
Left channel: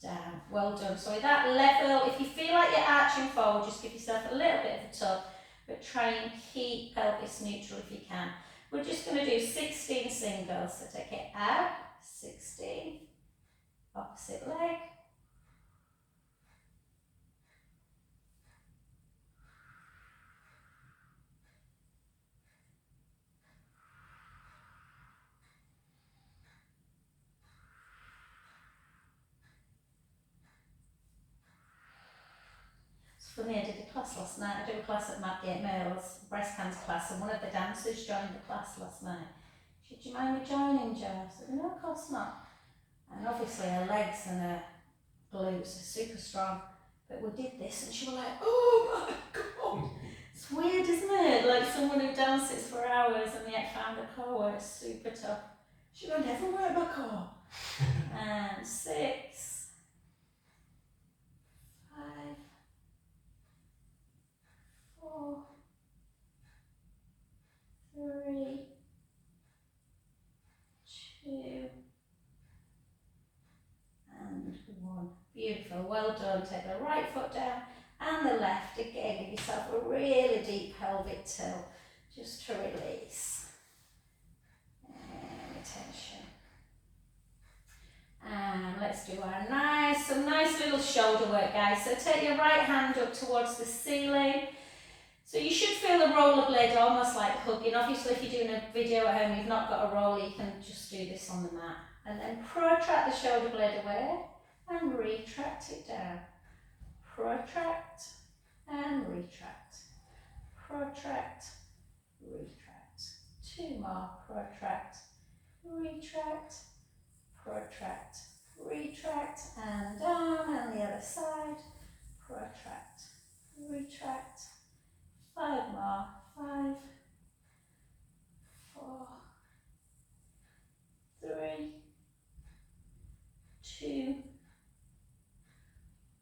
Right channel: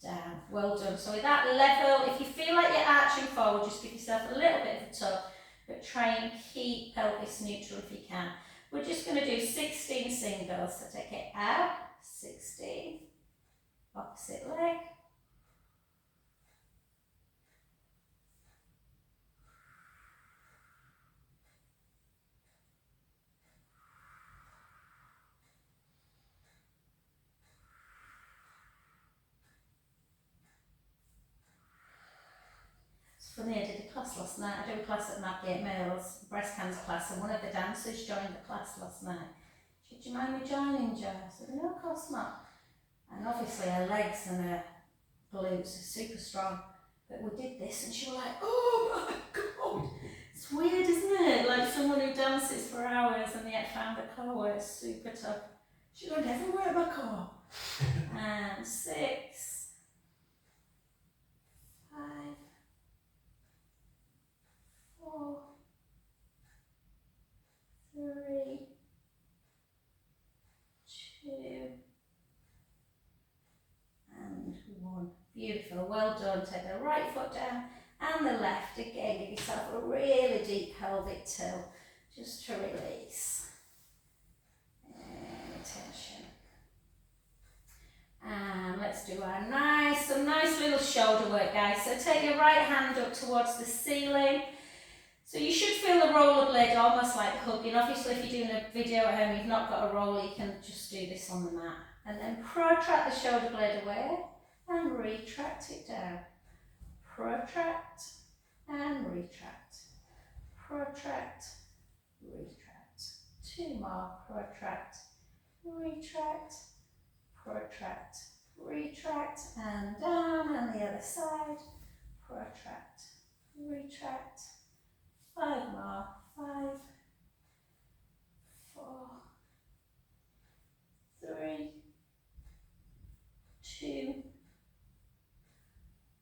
down. Well done. So with that level, if you feel like you're arching forward, just give yourself a little bit of a tug, but try and keep pelvis neutral if you can. We're just going to do 16 singles. So take it out, 16, opposite leg. Funny, I did a class last night. I do a class at Madgate Males, breast cancer class, and one of the dancers joined the class last night. She said, "Do you mind me joining, Jo?" I said, "No, of course not." And obviously her legs and her glutes are super strong. But we did this and she was like, "Oh my God." It's weird, isn't it? Like someone who dances for hours and yet found a core where it's super tough. She went, "Never wear my core." And 6, 5, 4, 3, 2, and 1. Beautiful, well done. Take the right foot down and the left. Again, give yourself a really deep pelvic tilt just to release any tension. And let's do our some nice little shoulder work, guys. So take your right hand up towards the ceiling. So you should feel the rollerblade almost like hugging. Obviously, if you're doing a video at home, you've not got a roller, you can just do this on the mat. And then protract the shoulder blade away and retract it down. Protract and retract. Protract, retract. 2 more. Protract, retract, protract, retract, and down, and the other side. Protract, retract. 5 more. 5, 4, 3, 2,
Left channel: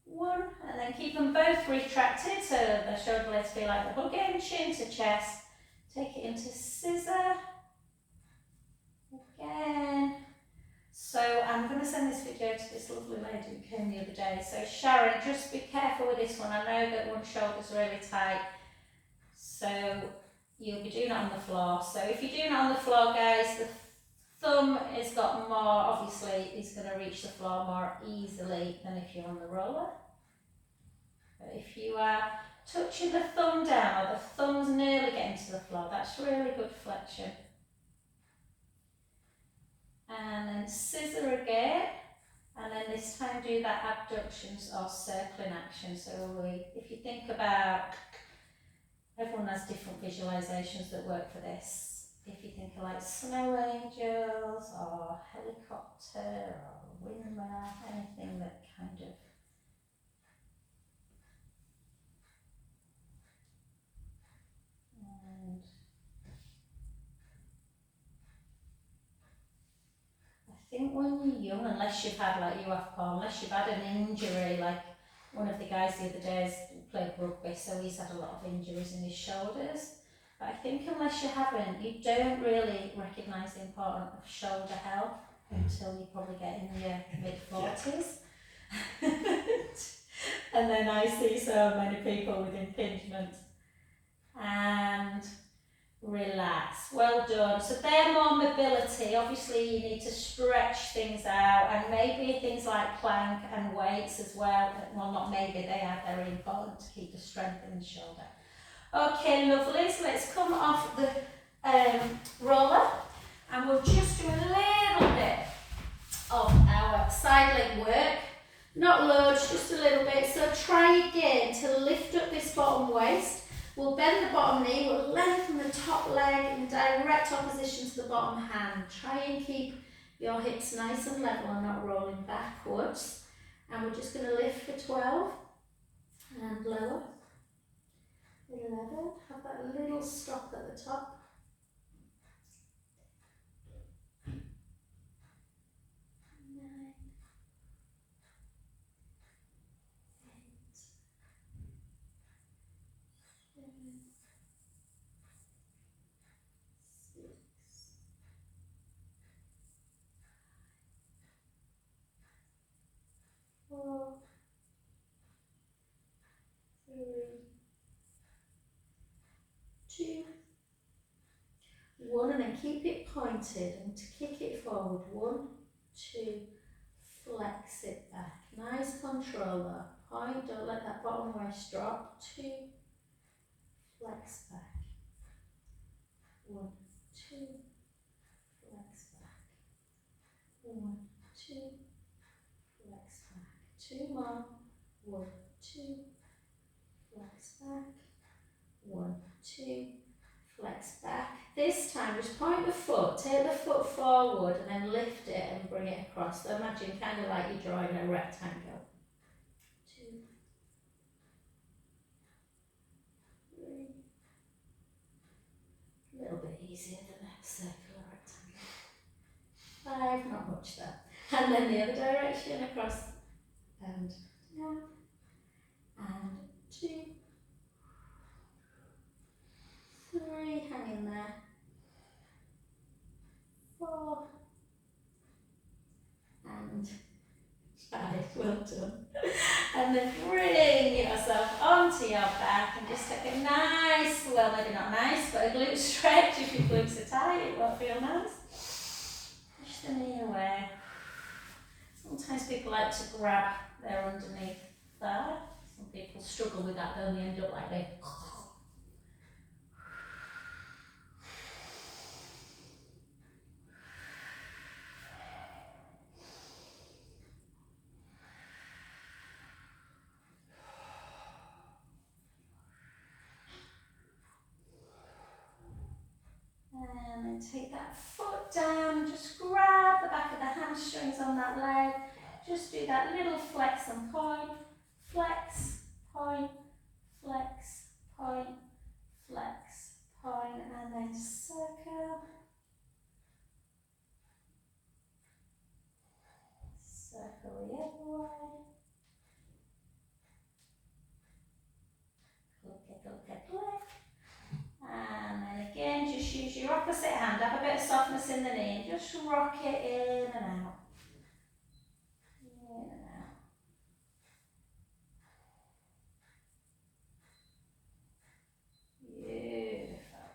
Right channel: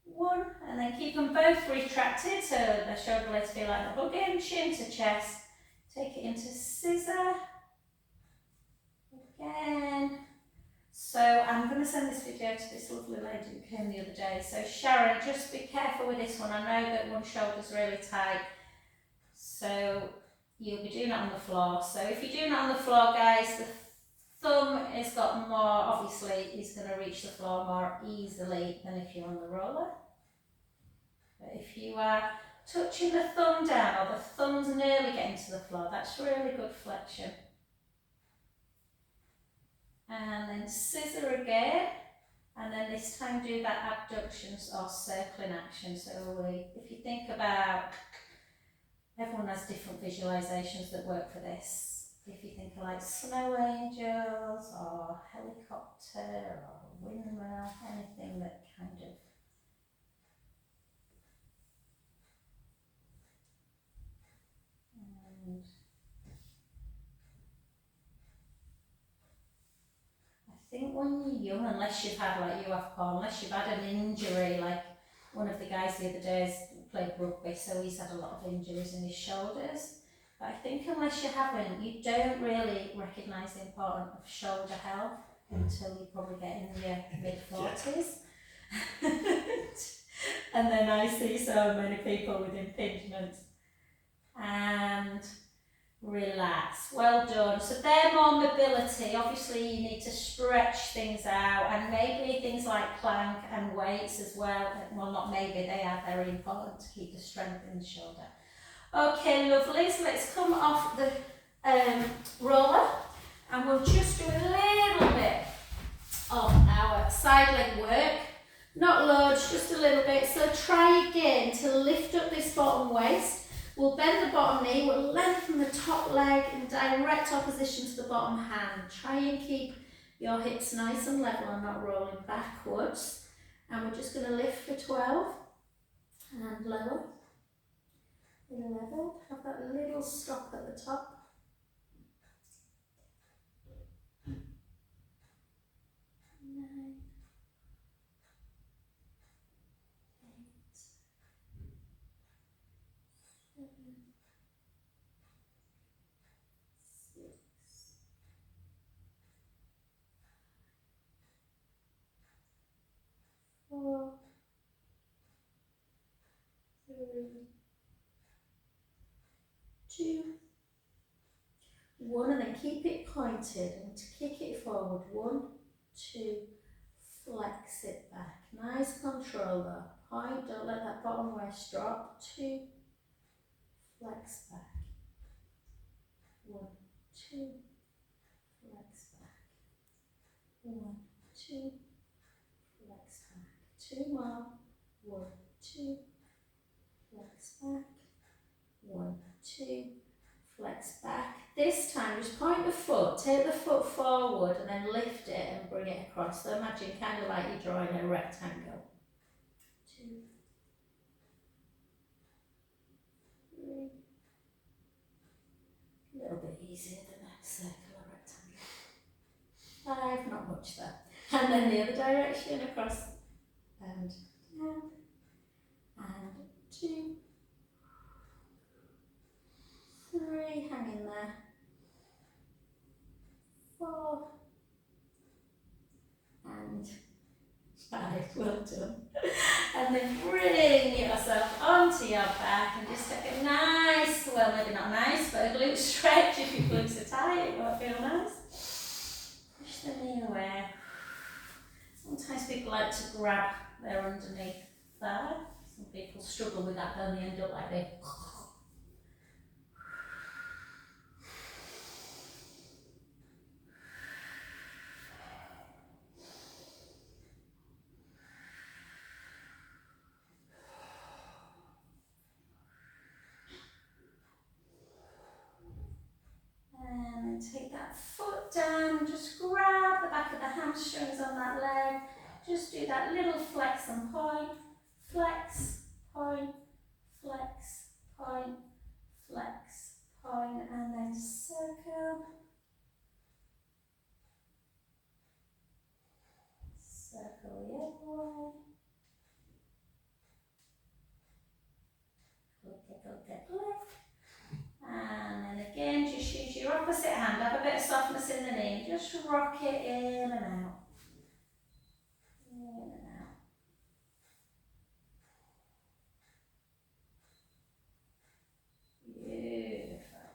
1, and then keep them both retracted so the shoulder blades feel like they're hugging, chin to chest. Take it into scissor. Again. So I'm going to send this video to this lovely lady who came the other day. So Sharon, just be careful with this one. I know that one shoulder's really tight. So you'll be doing it on the floor. So if you're doing it on the floor, guys, the thumb has got more, obviously, is going to reach the floor more easily than if you're on the roller. But if you are touching the thumb down, or the thumb's nearly getting to the floor, that's really good flexion. And then scissor again, and then this time do that abductions or circling action. So if you think about, everyone has different visualizations that work for this. If you think of like snow angels or helicopter or windmill, anything that kind of I think when you're young, unless you've had, like you have, Paul, unless you've had an injury, like one of the guys the other day played rugby, so he's had a lot of injuries in his shoulders. But I think unless you haven't, you don't really recognise the importance of shoulder health until you probably get in your mid-40s. And then I see so many people with impingement. And relax, well done. So they're more mobility. Obviously you need to stretch things out, and maybe things like plank and weights as well. Well, not maybe, they are very important to keep the strength in the shoulder. Okay, lovely, so let's come off the roller, and we'll just do a little bit of our side leg work. Not loads, just a little bit. So try again to lift up this bottom waist. We'll bend the bottom knee, we'll lengthen the top leg in direct opposition to the bottom hand. Try and keep your hips nice and level and not rolling backwards. And we're just going to lift for 12 and lower. 11, have that little stop at the top. 9, 8, 7, 6, 4, 3, 2, 1, and then keep it pointed, and to kick it forward, 1, 2, flex it back. Nice control there. Point, don't let that bottom waist drop. 2, flex back. 1, 2, flex back. 1, 2, flex back. 2 more. 1, 2, flex back. 1, 2, flex back. This time just point the foot, take the foot forward and then lift it and bring it across. So imagine kind of like you're drawing a rectangle. 2, 3. A little bit easier than a circle or rectangle. 5, not much there. And then the other direction across and down. And 2, 3, hang in there. 4 and 5, well done. And then bring yourself onto your back and just take a nice, well maybe not nice, but a glute stretch. If your glutes are tight, it won't feel nice. Push the knee away. Sometimes people like to grab their underneath thigh. Some people struggle with that, they only end up like this. then take that foot down and just grab the back of the hamstrings on that leg. Just do that little flex and point, flex, point, flex, point, flex, point, and then circle. Circle the other way. Click. And then again, just use your opposite hand. Have a bit of softness in the knee. Just rock it in and out. In and out. Beautiful.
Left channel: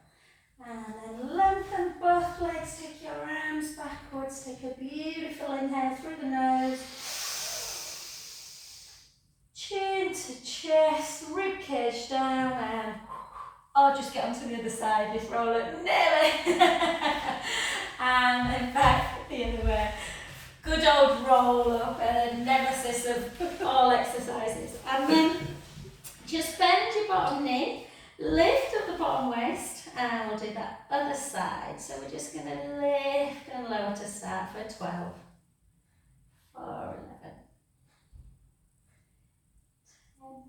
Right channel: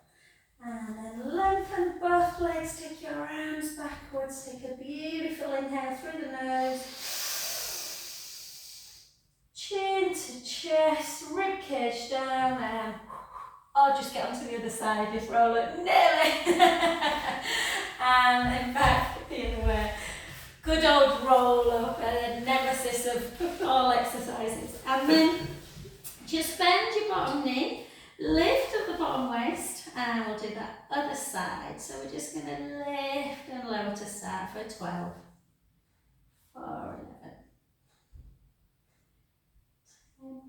And then lengthen both legs. Take your arms backwards. Take a beautiful inhale through the nose. Chin to chest, rib cage down, and I'll just get onto the other side, just roll it, nearly, and then back the other way. Good old roll up, and then nemesis of all exercises. And then just bend your bottom knee, lift up the bottom waist, and we'll do that other side. So we're just going to lift and lower to start for 12, 4, 11, 10, 9.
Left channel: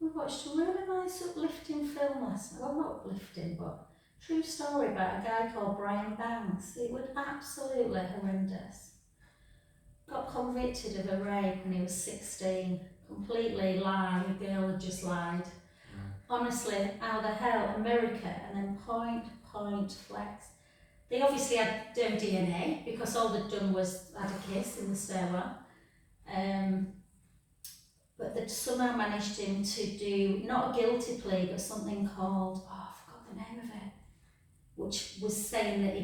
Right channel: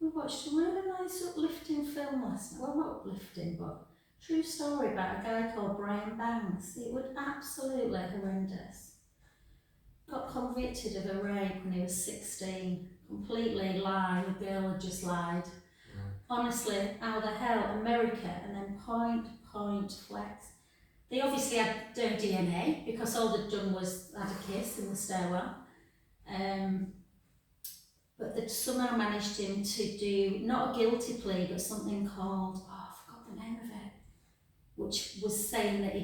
We watched a really nice uplifting film last night. Well, not uplifting, but true story about a guy called Brian Banks. It was absolutely horrendous. Got convicted of a rape when he was 16. Completely lied. A girl had just lied. Honestly, how the hell? America, and then point, flex. They obviously had no DNA because all they'd done was had a kiss in the stairwell. But they'd somehow managed him to do, not a guilty plea, but something called, I forgot the name of it, which was saying that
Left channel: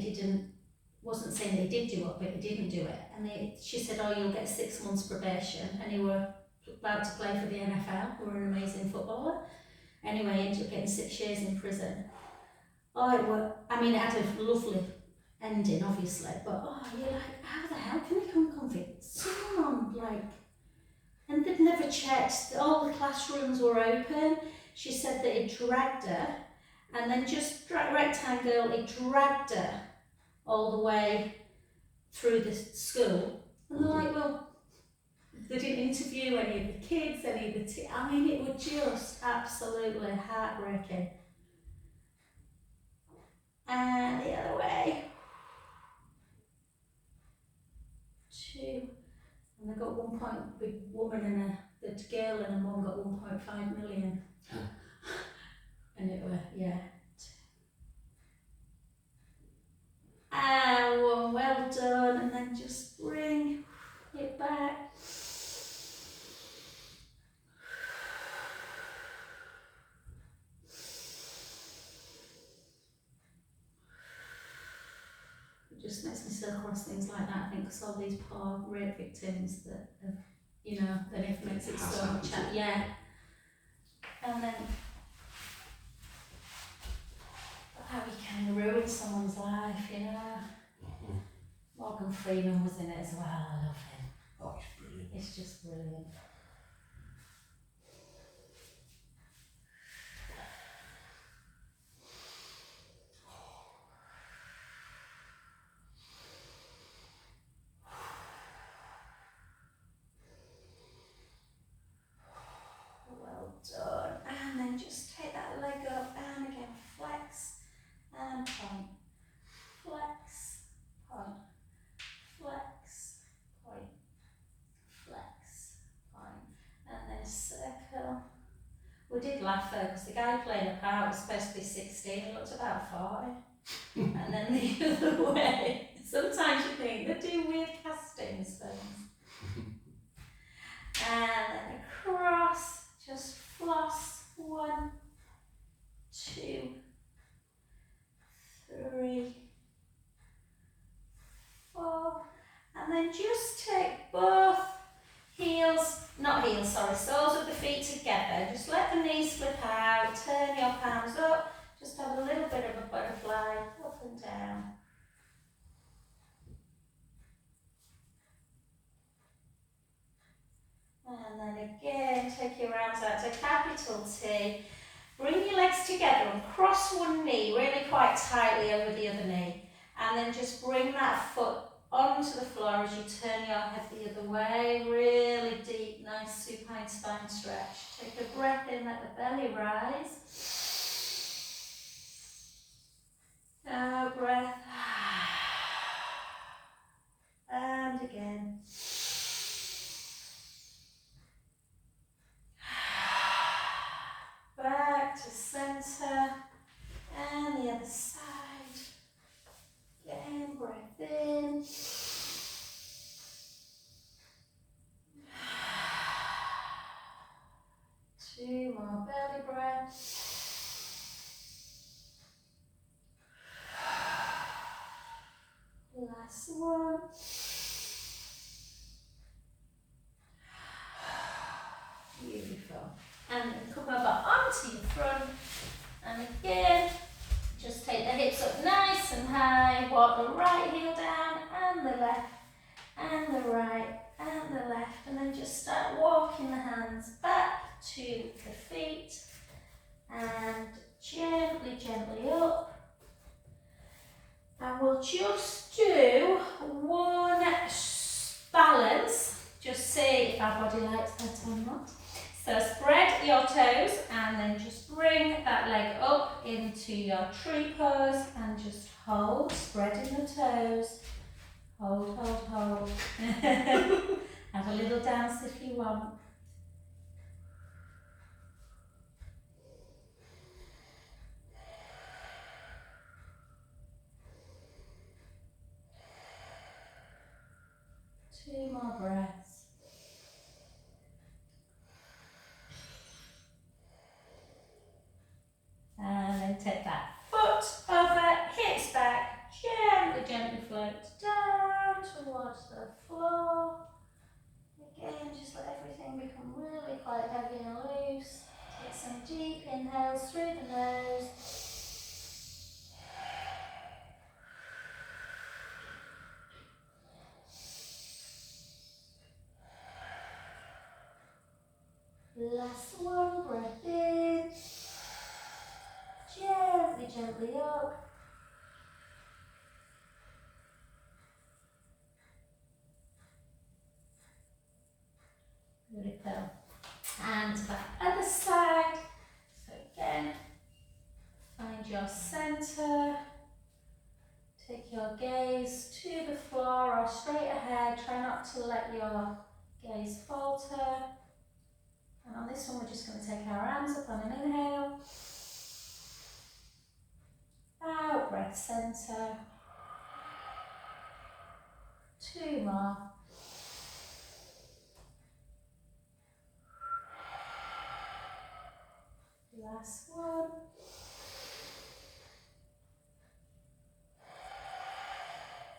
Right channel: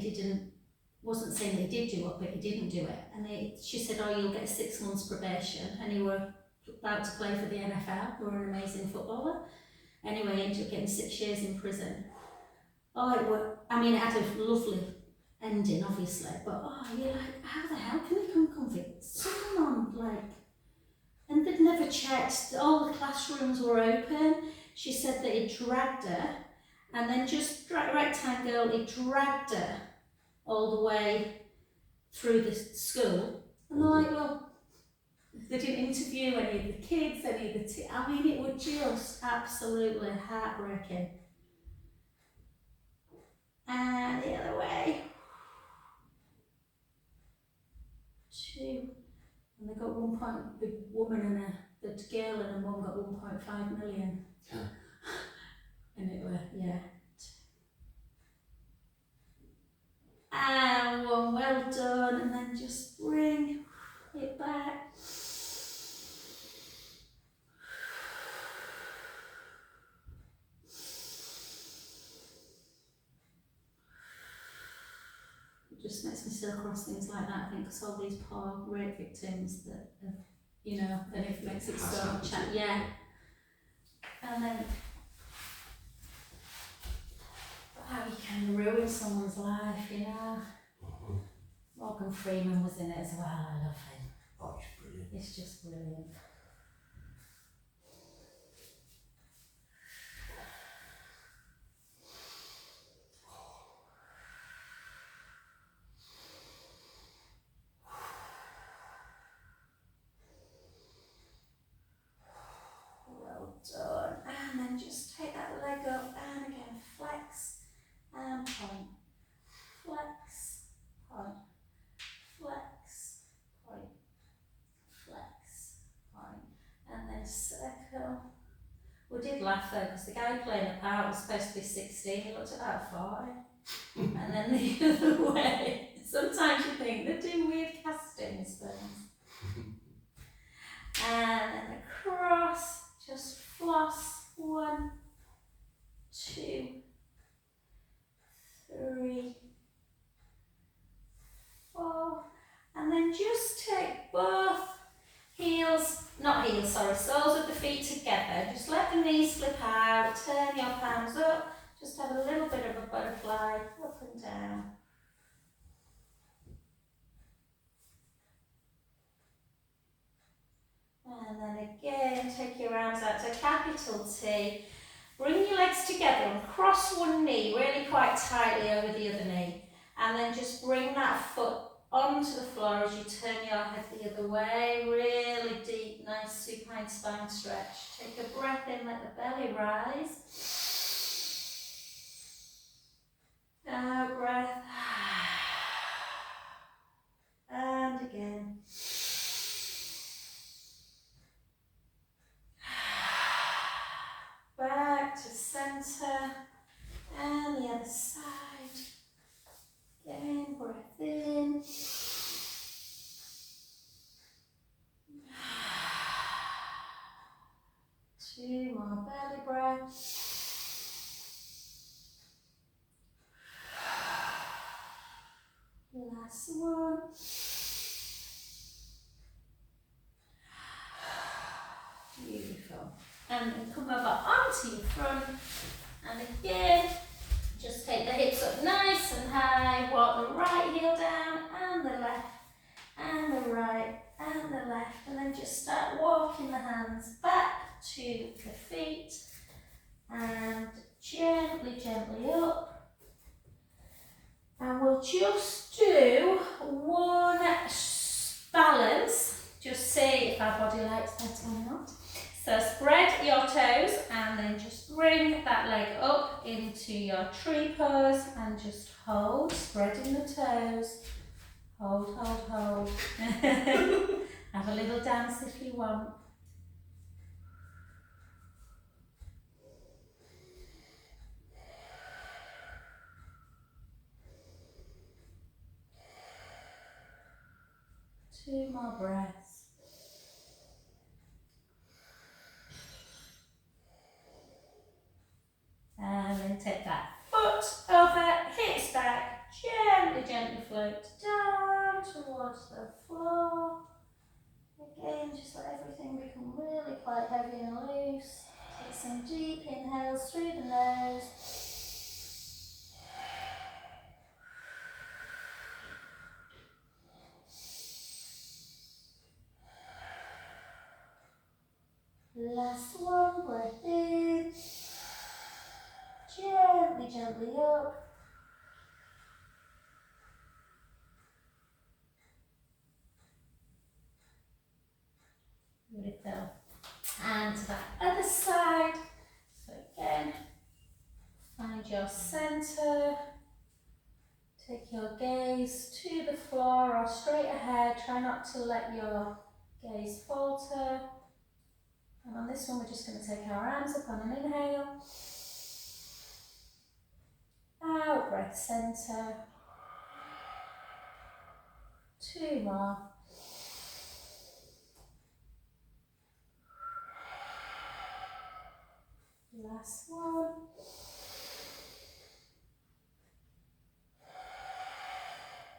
wasn't saying that he did do it, but he didn't do it. And she said, you'll get 6 months probation, and he were about to play for the NFL, who were an amazing footballer. Anyway, he ended up getting 6 years in prison. It had a lovely ending, obviously, but you're like, how the hell can they convict someone and they'd never checked, all the classrooms were open. She said that he dragged her, and then just right time girl, he dragged her all the way through the school. And they're like, well, they didn't interview any of the kids, any of the it was just absolutely heartbreaking. And the other way. 2. And they got 1 point, the woman and the girl and a mum got 1.5 million. And it were, yeah. And 1, well done, and then just bring it back. It just makes me so cross things like that, I think, because all these poor rape victims that have, and it makes it so much, yeah. And then how you kind of ruin someone's life, Morgan Freeman was in it as well, I love him. Oh, it's brilliant. It's just brilliant. Well done. And then just take that leg up and again flex and point. Flex, point. Flex, point. Flex, point. And then circle. We did laugh though, because the guy playing the part was supposed to be 16, he looked about 40. And then the other way. Sometimes you think they do weird castings things. And then across, just floss. 1, 2, 3, 4. And then just take both soles of the feet together. Just let the knees flip out, turn your palms up, just have a little bit of a butterfly, up and down. And then again, take your arms out to capital T. Bring your legs together and cross one knee really quite tightly over the other knee. And then just bring that foot onto the floor as you turn your head the other way. Really deep, nice supine spine stretch. Take a breath in, let the belly rise. Out breath. And again. Back to center. And the other side. Again, breath in. Two more belly breaths. Last one. Beautiful. And then come over onto your front. And again, just take the hips up nice and high. Walk the right heel down and the left and the right and the left. And then just start walking the hands back to the feet. And gently, gently up. And we'll just do one balance. Just see if our body likes that or not. So spread your toes and then just bring that leg up into your tree pose and just hold, spreading the toes. Hold, hold, hold. Have a little dance if you want. Two more breaths. And then take that foot over, hips back, gently, gently float down towards the floor. Again, just let everything become really quite heavy and loose. Take some deep inhales through the nose. Last one, breath in. Gently, gently up. Beautiful. And to that other side. So again, find your center. Take your gaze to the floor or straight ahead. Try not to let your gaze falter. And on this one, we're just going to take our arms up on an inhale. Out, breath center. Two more. Last one.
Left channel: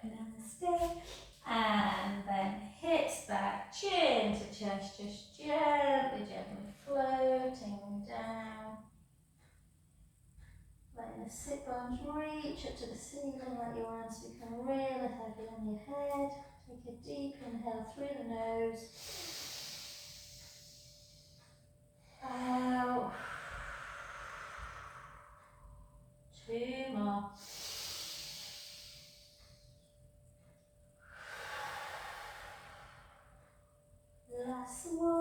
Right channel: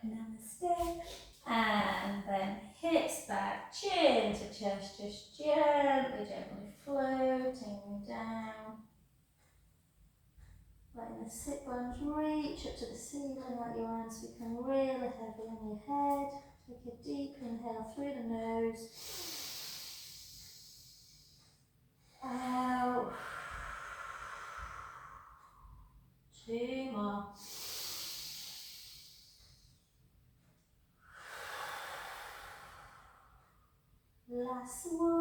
Namaste. And then hips back, chin to chest, just gently, gently floating down. Letting the sit bones reach up to the ceiling, let your arms become really heavy on your head. Take a deep inhale through the nose. Out. Two more. Last one.